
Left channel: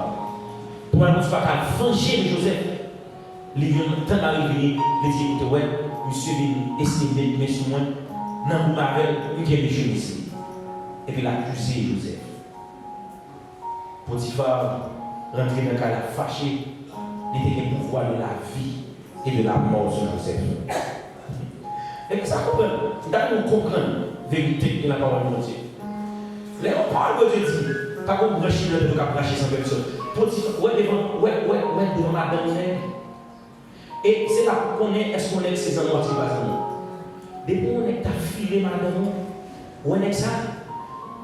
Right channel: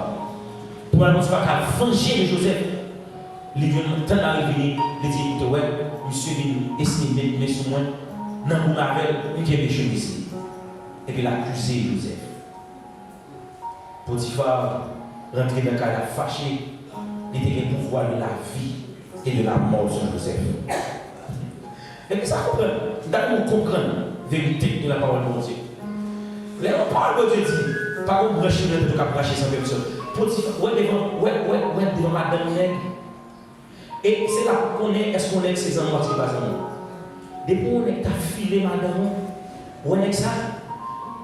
Pour la Potiphar qui a venger Joseph, il vient temps d'arriver, il dit ouais, monsieur vient essayer de mettre sur moi, non, vous m'avez, vous qui avez ici. Et puis l'accusé Joseph. Potiphar rentré dans le cas fâché, il était le pouvoir de la vie et de la mort sur Joseph. Et puis ça comprend, nous comprendre la vérité de la parole de Dieu. Les paroles de Dieu dit, pas comme brancher le pour cacher sans personne. Potiphar, devant madame nègre. Et c'est là qu'on est, est-ce qu'on est ses amours qui passent nous? Depuis qu'on est affilé madame, on est ça,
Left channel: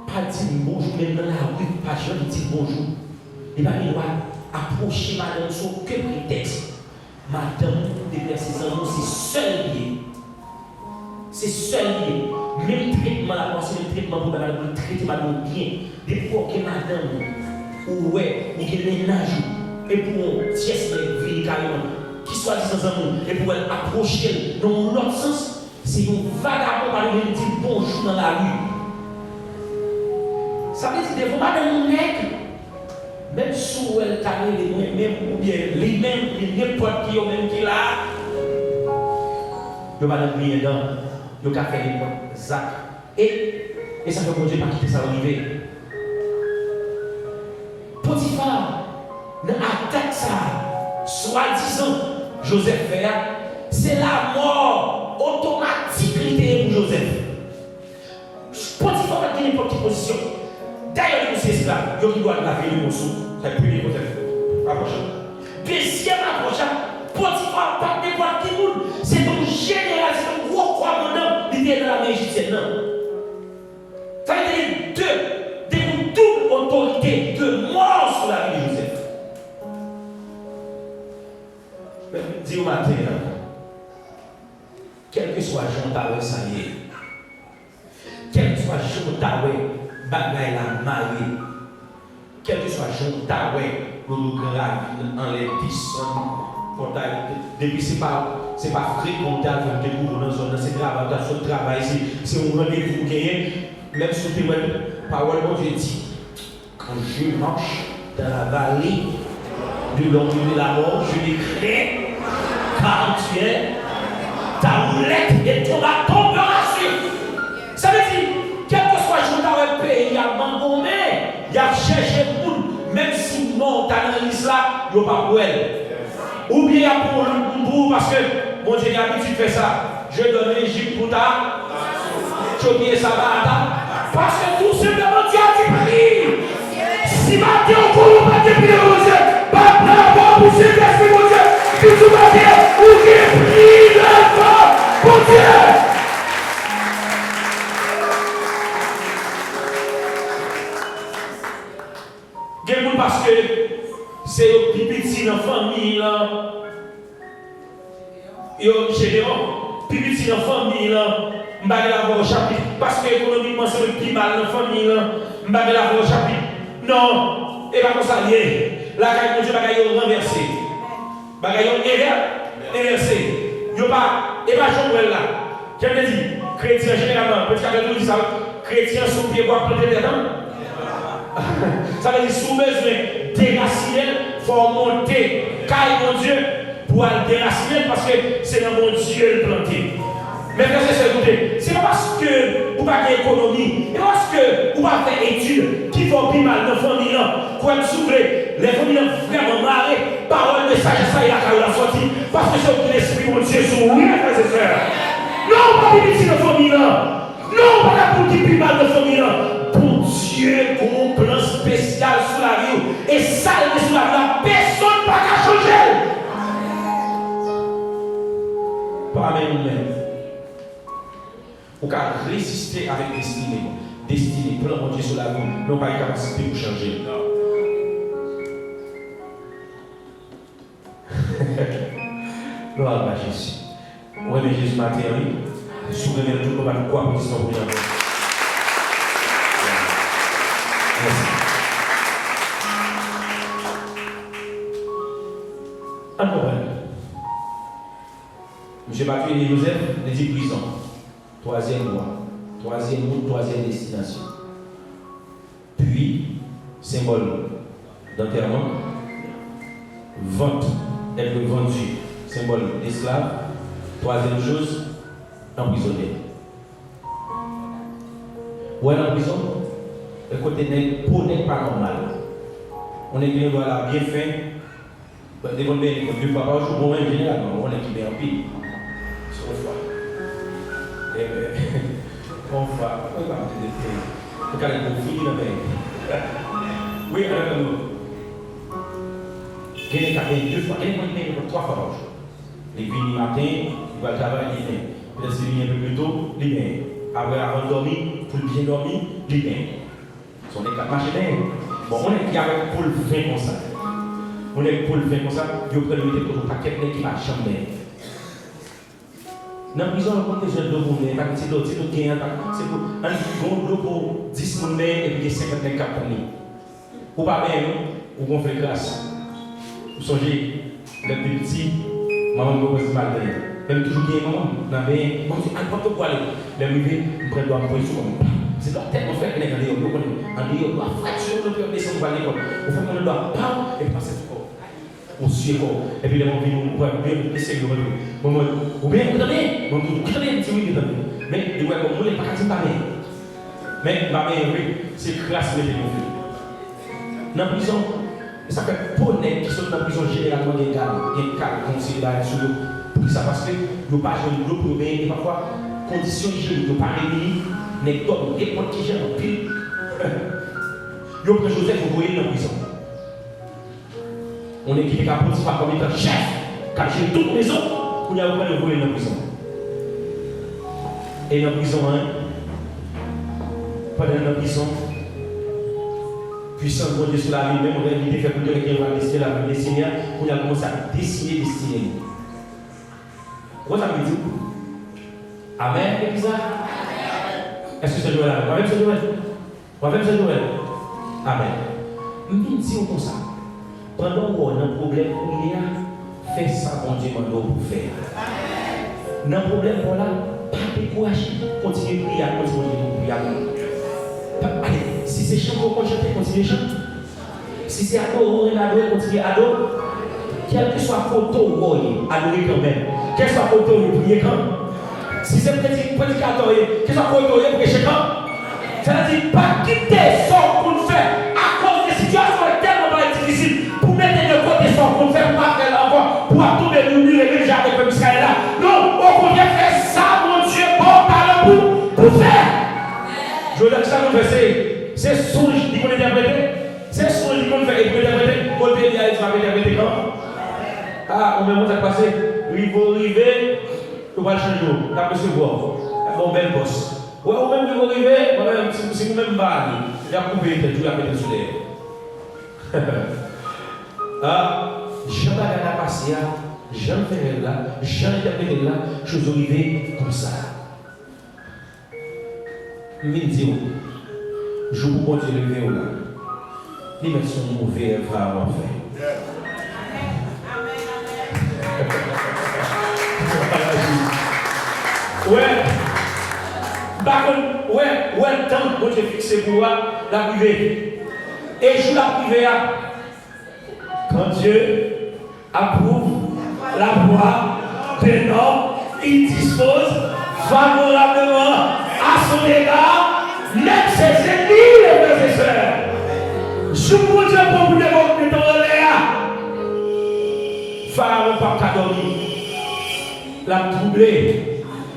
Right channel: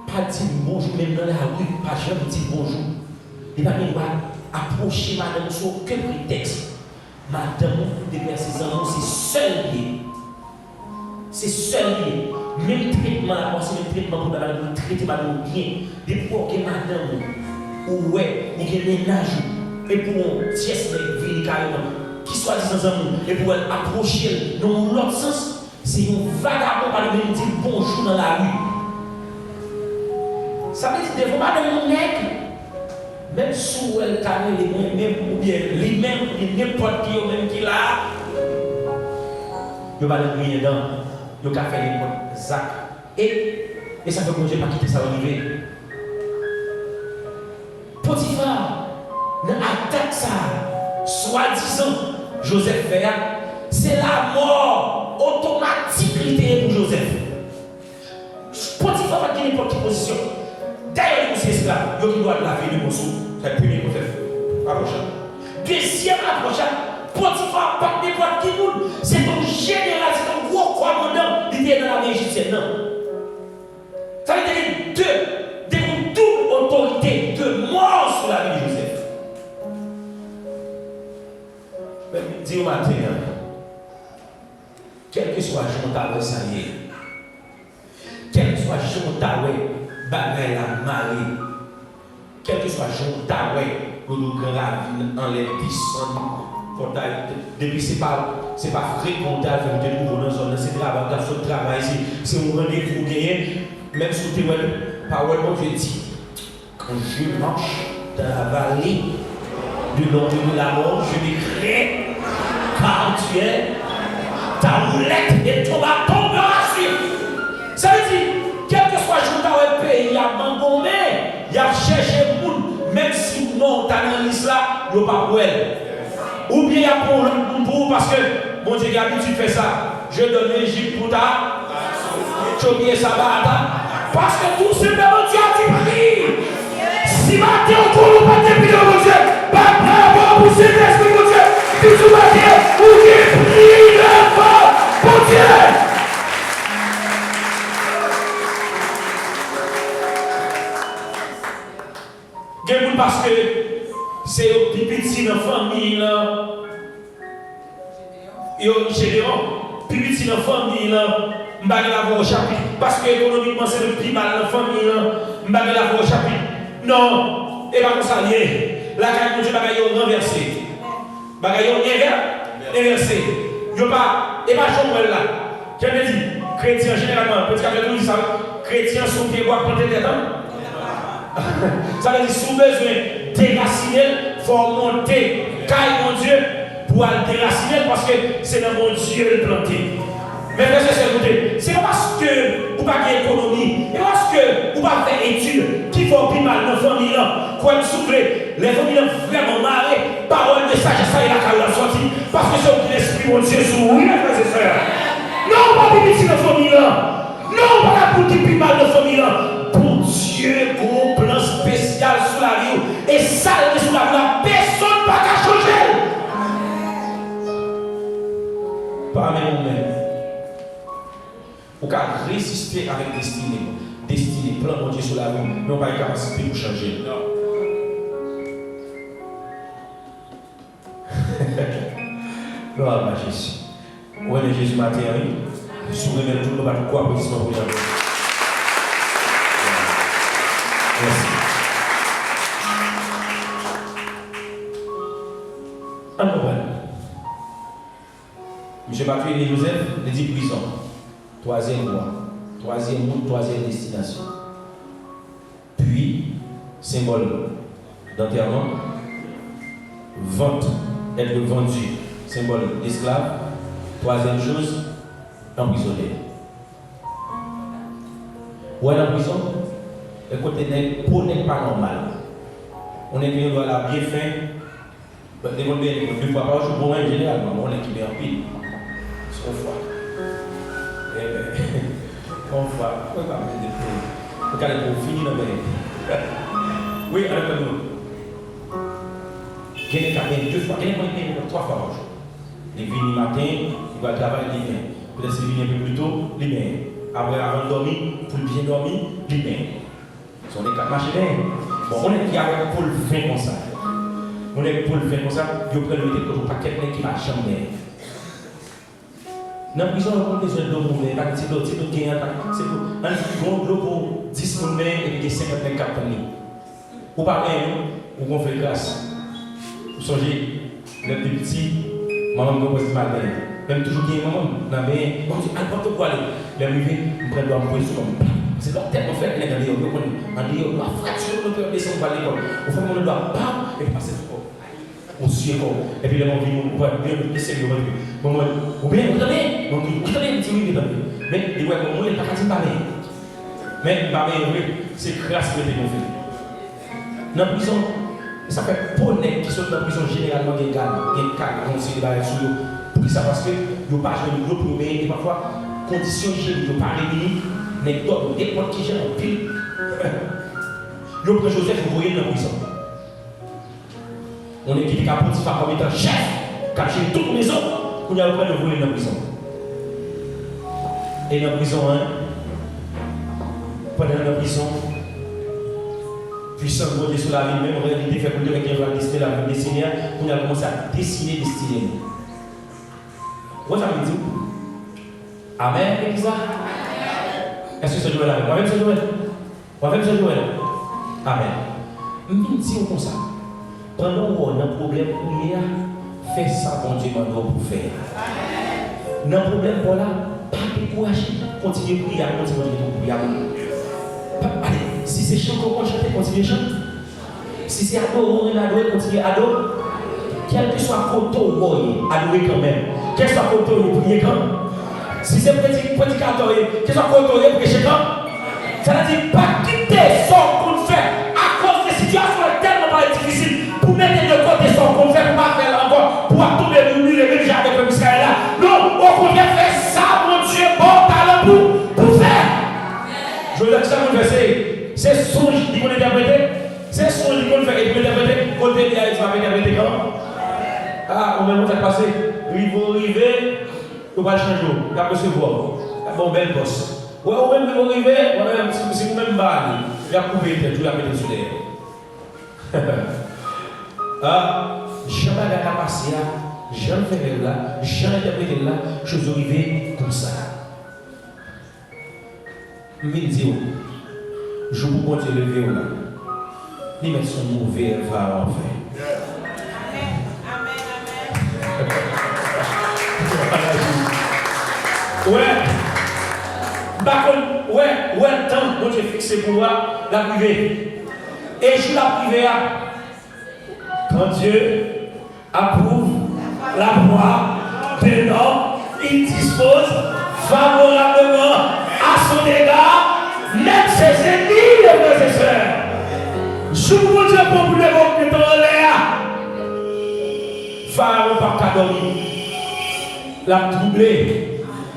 pas dire bonjour, même dans la rue, pas jamais dire bonjour. Et bien il va approcher madame sur aucun prétexte. Madame, depuis ses amours, c'est seul lié. C'est seul lié. Même traitement là, c'est le traitement pour traiter madame bien. Depuis que madame, ou ouais, il y a des ménages, et pour tiers de vie carrément, qui soit disant amour, et pour elle approcher dans l'autre sens, c'est une vagabond par le dire bonjour dans la rue. Ça veut dire devant madame nègre, même si elle carré les mêmes, ou bien les mêmes, n'importe qui, même qui là, il va le briller dans le café des Zach. Et ça veut que je ne vais pas quitter ça arriver. Potiphar, dans l'attaque ça, soi-disant, Joseph fait, c'est la mort automatique pour Joseph. Potiphar va gagner une petite position. D'ailleurs, c'est cela, il doit laver le morceau. C'est le premier Joseph. Approchant. Deuxième approchant, Potiphar pas n'importe qui monde. C'est un général, c'est un gros commandant, il est dans la main égyptienne. Ça veut dire deux double autorité de mort sur la vie de Joseph. Mais dis-moi matin, quel que soit Jean Taoué, ça y est. Quel que soit Jean Taoué, bagaille la mariée. Quel que soit Jean Taoué, nous gravons en les 10 depuis c'est pas fréquenté avec des nouveaux dans zone, c'est travail, c'est un rendez-vous gagné, même si tu es parole, je dis, quand je marche dans la vallée de l'ombre de la mort, je décrète, car tu es, ta roulette et ton bâton me rassure. Ça veut dire, quel que soit le jour dans le pays, il y a abandonné, il y a cherché le monde, même si non, tu analyses là, il n'y a pas pour elle. Ou bien il y a pour parce que mon Dieu a l'habitude de faire ça. Je donne l'Égypte pour ta. Tu oublies ça, parce que tout simplement Dieu a dit Paris. Si matin on court, pas de prier mon Dieu. Pas bravo pour ces esprits mon Dieu. Si tu matin, ou qui prie la mon Dieu. Quelqu'un parce que c'est plus petit dans la famille là. Yo Gédéon, plus petit dans la famille là, m'bagay la voix au chapitre parce que économiquement c'est le plus mal dans la famille là, m'bagay la voix au chapitre. Non, et pas comme ça lié. La caille de Dieu bagay yo renversé. Bagay yo inversé. Yo pas et pas Joël là. Qui me dit chrétien généralement, petit catholique dit ça, chrétien sous pied bois planter des dents. Ça veut dire sous besoin déraciner, il faut monter, caille mon Dieu, pour aller déraciner parce que c'est dans mon Dieu le planter. Mais c'est parce que vous n'avez pas d'économie, et parce que vous n'avez pas d'études qui font plus mal dans la famille, quand vous souffrez, les familles vraiment marrées, parole de sagesse, il y a la sortie, parce que c'est l'esprit mon Dieu sur vous, frères et sœurs. Non, pas de petit dans la famille, non, pas la pour qui plus mal dans la famille. Dieu a un plan spécial sur la vie et ça sur la vie, personne ne va changer. Pas même vous pouvez résister avec destinée, plan de Dieu sur la vie, nous n'avons pas la capacité de changer. Gloire à Jésus. Oui, mais Jésus m'a dit, si vous voulez tout le monde, quoi pour l'histoire de Merci. Alors, M. Mathieu et Joseph, les 10 prisons. Troisième mois, troisième destination. Puis, symbole d'enterrement, vente, être vendu, symbole d'esclave. Troisième chose, emprisonné. Ou à la prison, le côté n'est pas normal. On est bien dans la bien fin. Les gens ne peuvent pas jouer pour un général, on est qui est en pile. C'est un frère. On va finir dans le oui, alors nous. Il y a deux fois, il y a trois fois par jour. Les vignes matin, il va travailler les mains. Peut-être qu'il vient un peu plus tôt, les mains. Après, avant de dormir, pour bien dormir, les mains. Si on est quatre machines, bon, on est qui avec pour le faire comme ça. On est pour le faire comme ça, il faut prendre le temps pour pas quelqu'un qui marche jamais. Dans la prison, on a besoin de l'eau, c'est tout gain, c'est pour l'eau 10 personnes et puis 50 personnes. Ou pas bien, ou on fait grâce. Vous songez, les petits, maman me pose pas d'air. Même toujours qui est maman, on dit, n'importe quoi, les rivets, on prend le doigt sur mon c'est leur tête, on fait un égal, on va fracturer le cœur, descendre à l'école. On fait mon doigt, et puis passer le corps. On suit le corps. Et puis les gens viennent, on va bien laisser le corps. Ou bien, vous savez, vous savez, c'est oui, mais les gens, moi, ils ne peuvent pas parler. Mais ma mère, c'est grâce à ce qu'on fait. Dans la prison, ça fait pour les qui sont dans la prison généralement des cadres considérés sur eux. Pour ça, parce que nous ne pas jouer l'eau pour et parfois, conditions hygiéniques ne pas réunies, mais d'autres, des potes qui gèrent en pile. Le prince Joseph, vous voyez dans la prison. On est qui a Potiphar comme étant chef, caché toute maison, pour y avoir le voler dans la prison. Et dans la prison, pendant la prison, puissance de sur la vie, même en réalité, fait pour dire qu'il va dessiner la vie des Seigneurs, on a commencé à dessiner destinée. Vous avez dit Amen, Elisa? Est-ce que c'est Joël? Moi-même, c'est Joël. Moi-même, c'est Joël. Amen. Je me dis comme ça. Pendant qu'on a un problème, fais ça, mon Dieu, pour faire. Dans le problème, voilà, pas de courage. Continuez à prier, continuez à prier. Allez, si c'est chant qu'on chante, continuez à chanter. Si c'est adorer, continuez à adorer. Quel que soit le côté, adorez quand même. Quel soit le côté, priez quand même. Si c'est prédicateur, quel soit le côté, prêchez quand même. Ça veut dire pas quitter son pour le faire à cause des situations tellement difficiles. Pour mettre de côté son pour le faire, pas faire encore pour tomber le mur et déjà avec le Israël là. Non, au contraire, faire ça, mon Dieu, bon talent pour faire. Je veux dire ça, mon verset. C'est songe qui qu'on interpréter. C'est songe qui qu'on fait interpréter. Côté bien, il va interpréter quand? Ah, on va passer. Il faut arriver, on va changer. On va recevoir. Bon, bel boss. Ouais, on va arriver, si vous-même va aller, il va couper, tu la mettre sur l'air. Je regarde la passer, je fais là, je interprète là, je suis arrivé comme ça. Je me dis, je vous compte lever là. Il met son mauvais va en fait. Ouais. Par contre, ouais, le temps que Dieu fixé pour moi, la privée. Et je la privée, quand Dieu approuve la voix d'un homme, il dispose favorablement à son égard, même ses ennemis, les frères et sœurs. Je vous dis pour vous le montrer dans l'air. Pharaon par dormir. La troublé.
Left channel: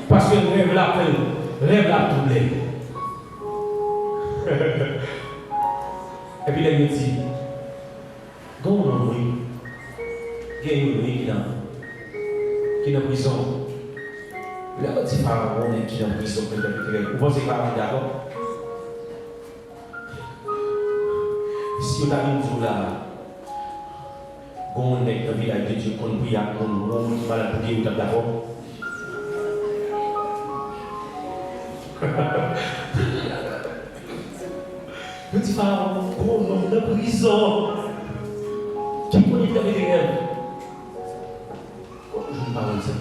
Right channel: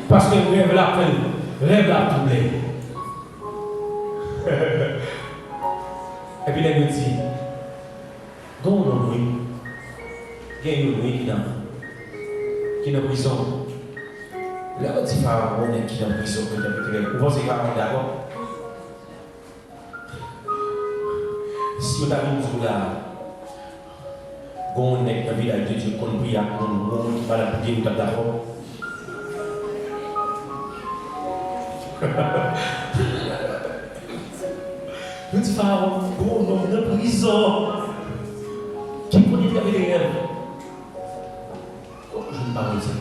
Parce que le rêve l'appelle. Rêve l'a troublé. Et puis il me dit, donc oui, il y a une nuit qui est en prison. Là, on dit Pharaon qui est en prison. Vous pensez que Pharaon est d'accord? Si on a une jour là, on est dans le village de Dieu, qu'on prie à qu'on va la bouger, on est d'accord? Je dis Pharaon, bon, on est en prison. Qui connaît bien les rêves? Je ne parle pas de ça.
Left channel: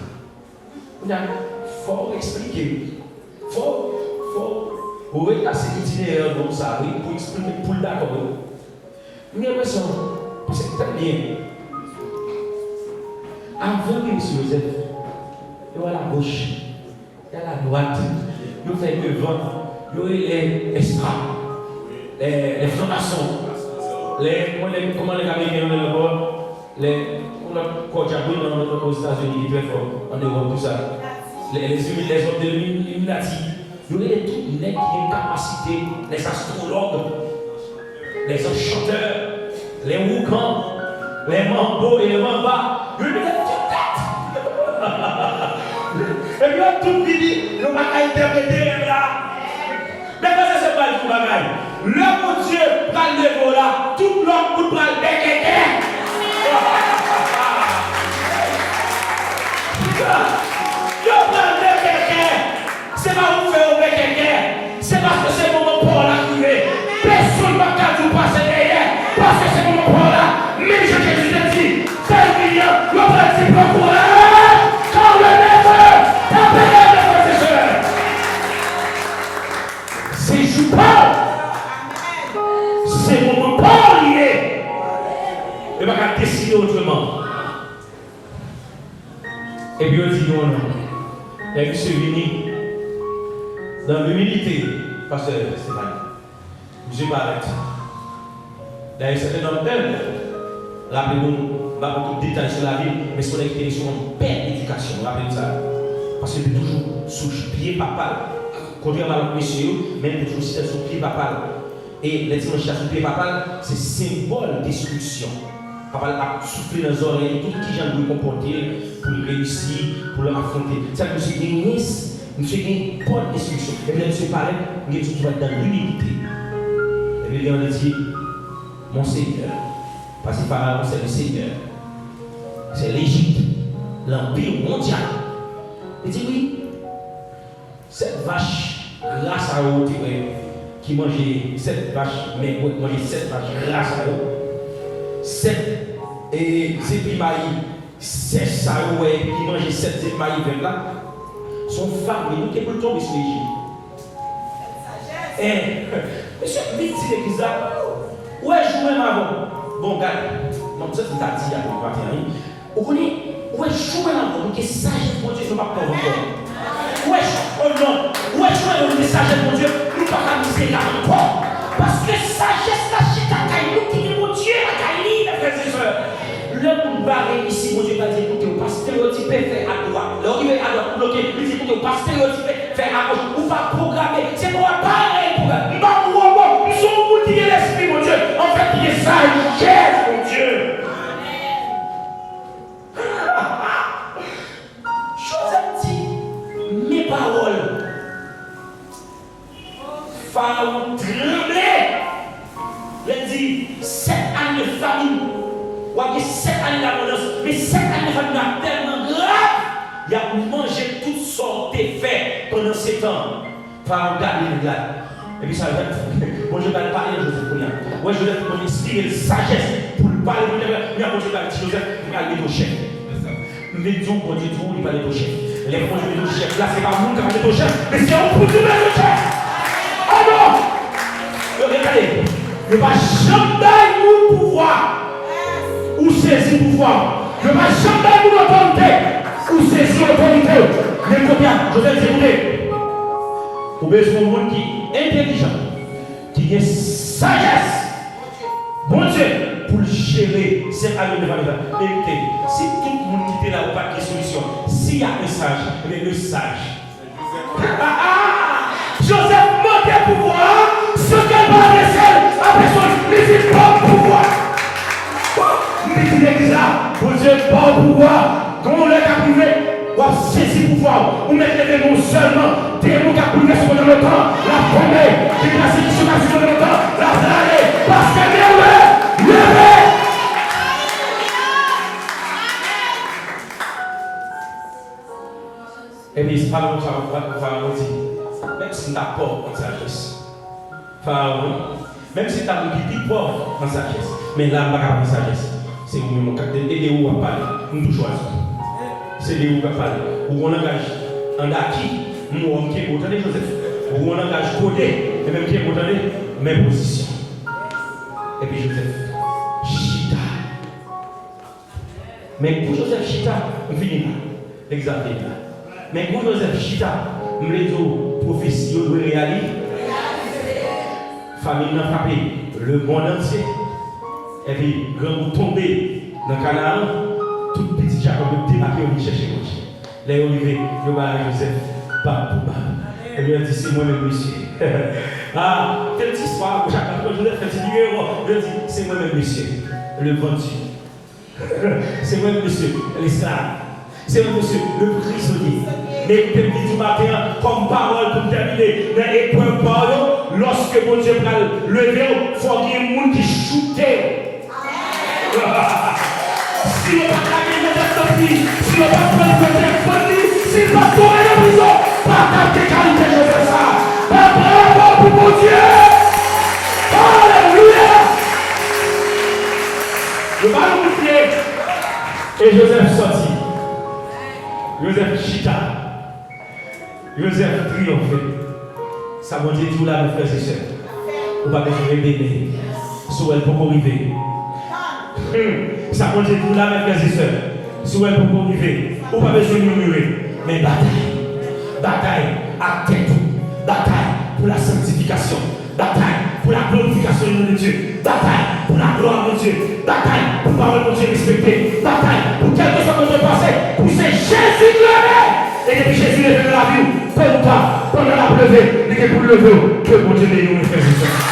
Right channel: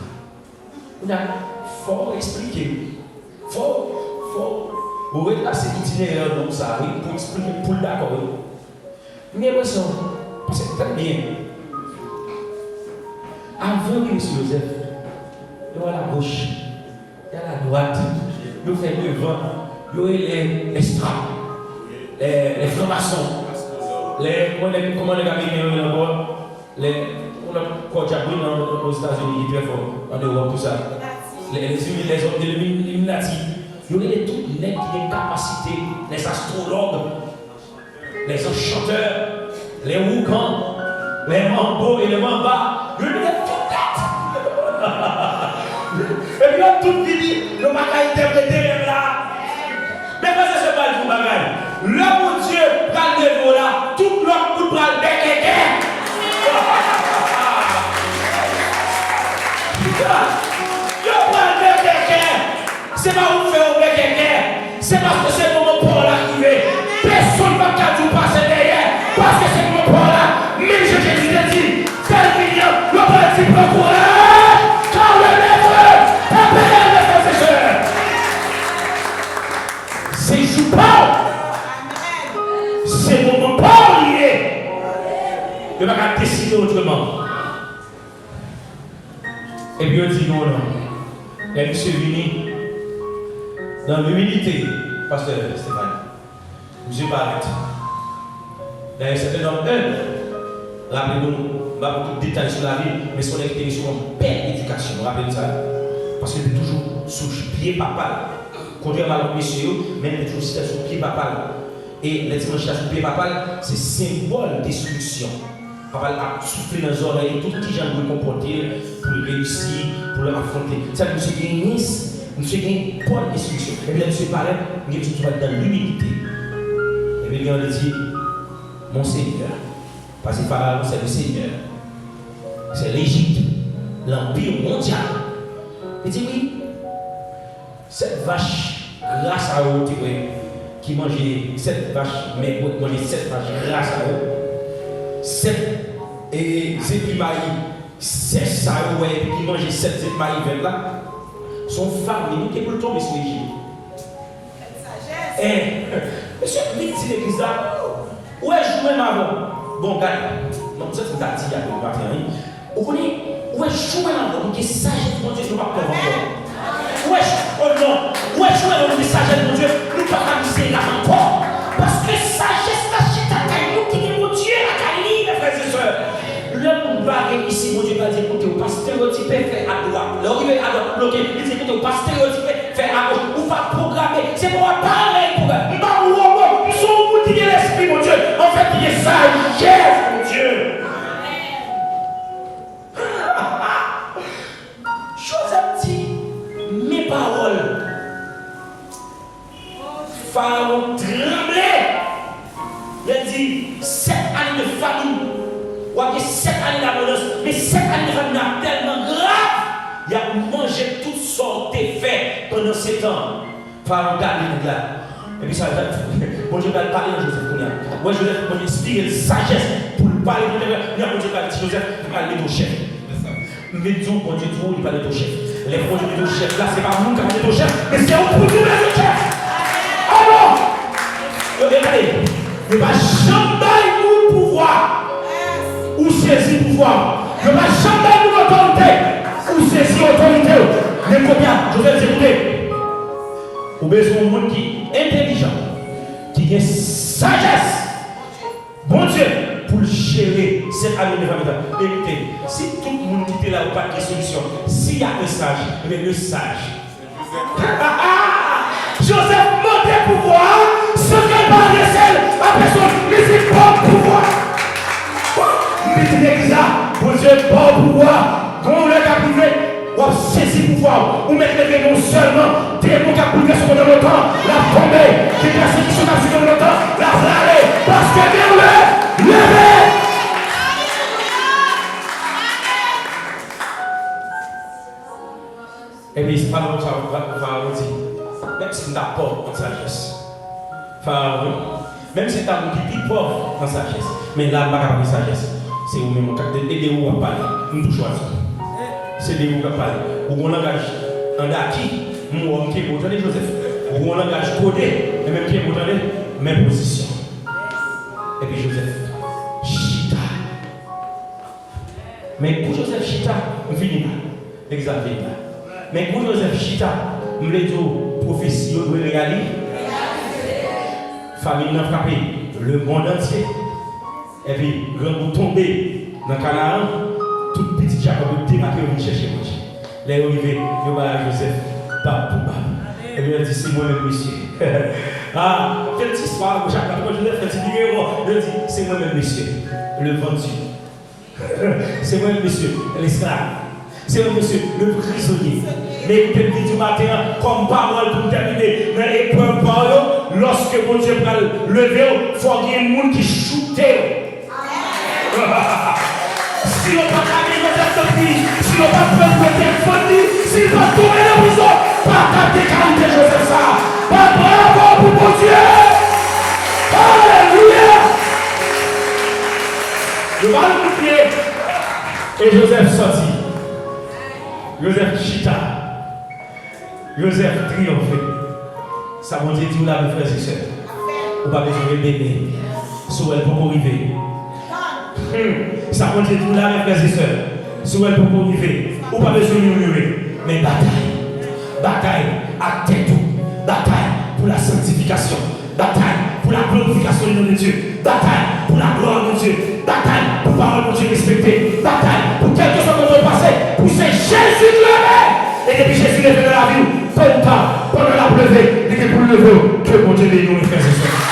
Il faut expliquer. Faut retracer l'itinéraire comme ça, pour expliquer, pour d'accord. Mais raison, c'est très bien. Avant que M. Joseph, il y a la gauche, il y a la droite, il y a devant, il y a les straps, les francs-maçons, comment les Américains aux États-Unis, qui est très fort, en Europe, tout ça. Les hommes de l'Illuminati, il y a toutes les qui ont une capacité, les astrologues, les enchanteurs, les woukans, les mambos et les mambas, il y a toute tête. Et puis là, tout le dit, le bagaille interprété là. Mais ça, c'est pas le bagaille. Le bon Dieu, prend le niveau là, tout l'autre pour prendre des quelqu'un. C'est pas vous faire oublier quelqu'un. C'est parce que c'est moment pour l'arriver. Personne ne va vous passer derrière. Parce que c'est moment pour là. Même Jésus te dit, c'est bien, le petit peu courage. Quand le maître, t'as payé les professeurs. C'est Joupon. C'est moment pour lié. Il va pas décider autrement. Et puis on dit non. Et puis c'est venu. Dans l'humilité, pasteur Stéphane, monsieur Barrett, dans un certain nombre d'heures, rappelez-nous, pas beaucoup de détails sur la vie, mais son expérience sur une belle éducation, rappelez-nous ça. Parce que c'est toujours sous pied papal. Contrairement à l'autre monsieur, même toujours sous pied papal. Et les dimanches sous pied papal, c'est symbole d'instruction. Papal a soufflé dans les oreilles, tout ce qui j'en doit comporter pour réussir, pour le affronter. C'est monsieur Guinness. Monsieur qui a une bonne instruction. Et puis, monsieur parlait, il est dans l'humilité. Et puis, il a dit, mon Seigneur, parce que Pharaon, c'est le Seigneur. C'est l'Égypte, l'Empire mondial. Il dit, oui, cette vache, grâce à eux, qui mangeait cette vache, mais qui mangeait cette vache, grâce à eux, cette épimailles, c'est ça, qui mangeait cette épimailles vers là. Son femme, il qui peut tomber sur l'Égypte. Et, monsieur, vite, dit l'église là, où est-ce que je joue avant? Bon, gars, non, ça, c'est un dit, il y a un matin. Vous voyez, où est-ce que je joue avant? Donc, il s'agit de mon Dieu, je ne vais pas prendre. Où est-ce que, oh non, où est-ce que je joue avant? Il s'agit de mon Dieu, nous ne pouvons pas miser là encore. Parce que sagesse, la chute à Caillou, qui est mon Dieu, la Caillou, mes frères et sœurs. L'homme barré ici, mon Dieu va dire, écoutez, on va stéréotyper, faire à droite. L'arrivée à droite, bloqué. On va stéréotyper, faire à gauche, on va programmer. C'est pour un pareil programme. Il va nous sont vous dire l'esprit, mon Dieu. En fait, il est sagesse, mon Dieu. Chose à dire, mes paroles Ouais, Joseph pour inspirer la sagesse pour parler de Dieu. Mais on dit à Joseph, il va aller au chef. Mais Dieu, on dit tout, il va aller au chef. Les produits de chef, là, c'est pas nous qui allons aller au chef, mais c'est on pour dire le chef. Ah bon? Regardez, ne va jamais nous pouvoir ou saisir pouvoir. Ne va jamais nous autorité ou saisir autorité. Mais combien? Joseph, écoutez. Vous avez besoin de monde qui est intelligent, qui a sagesse. Bon Dieu, pour gérer cette année de famille. Écoutez, si tout le monde qui est là n'a pas de solution, s'il y a un sage, mais le sage. Joseph montait pouvoir, ce qu'elle va laisser à personne, mais c'est pas pouvoir. Mais tu dis ça, bon Dieu, pas pouvoir, quand on l'a privé, on saisir pouvoir, on met les non seulement, des mots qui a privé sur le temps, la tombée, qui est placée sur le temps, la flaller, parce que levez. Et puis, c'est pas comme ça, Pharaon dit, même si tu n'as pas en sagesse, Pharaon, même si tu as un petit pauvre en sagesse, mais là, pas de sagesse, c'est où nous aider où à parler, nous toujours c'est les où à parler, où on engage un gars qui, nous on qui est autant Joseph, où on engage codé, et même qui est autant même position. Et puis Joseph, Chita. Mais pour Joseph Chita, on finit là, l'examen là. Mais pour Joseph Chita, on les dit prophétie de réaliser. Famille n'a frappé le monde entier. Et puis, quand vous tombez dans Canaan, tout petit Jacob débarque et vous cherchez moi. Les oliviers, vous allez Joseph, pas pour pas. Et lui a dit, c'est moi-même, monsieur. Ah, quelle histoire, Jacob, Joseph fait une vidéo. Il dit, c'est moi-même, monsieur. Le vendu. C'est moi-même, monsieur. L'esclave. C'est moi-même, monsieur. Le prisonnier. Mais écoutez, du matin, comme parole pour terminer, dans l'épreuve parole, lorsque mon Dieu va lever, il faut qu'il y ait un monde qui choute. Si on va gagner notre vie, si on va prendre notre famille, si on va tourner la prison, pas ta qualité, je fais ça. Pas bravo pour mon Dieu. Alléluia. Je vais vous montrer. Et Joseph sortit. Joseph chita. Joseph triomphé. Ça veut dire tout là, mes frères et sœurs. On va besoin de bébé. Sur elle pour arriver. Ça veut dire tout là, mes frères et sœurs. Sur elle pour arriver. On va besoin de murmurer. Mais bataille. Bataille à tête. Bataille pour la sanctification. Bataille pour la glorification de Dieu. Bataille pour la gloire de Dieu. Bataille pour la parole de Dieu respectée. Bataille pour quelque chose de passé. Pour c'est Jésus levé. Et depuis Jésus est venu dans la vie, pendant la plevée, il est pour le lever, que mon Dieu bénisse, mes frères et sœurs.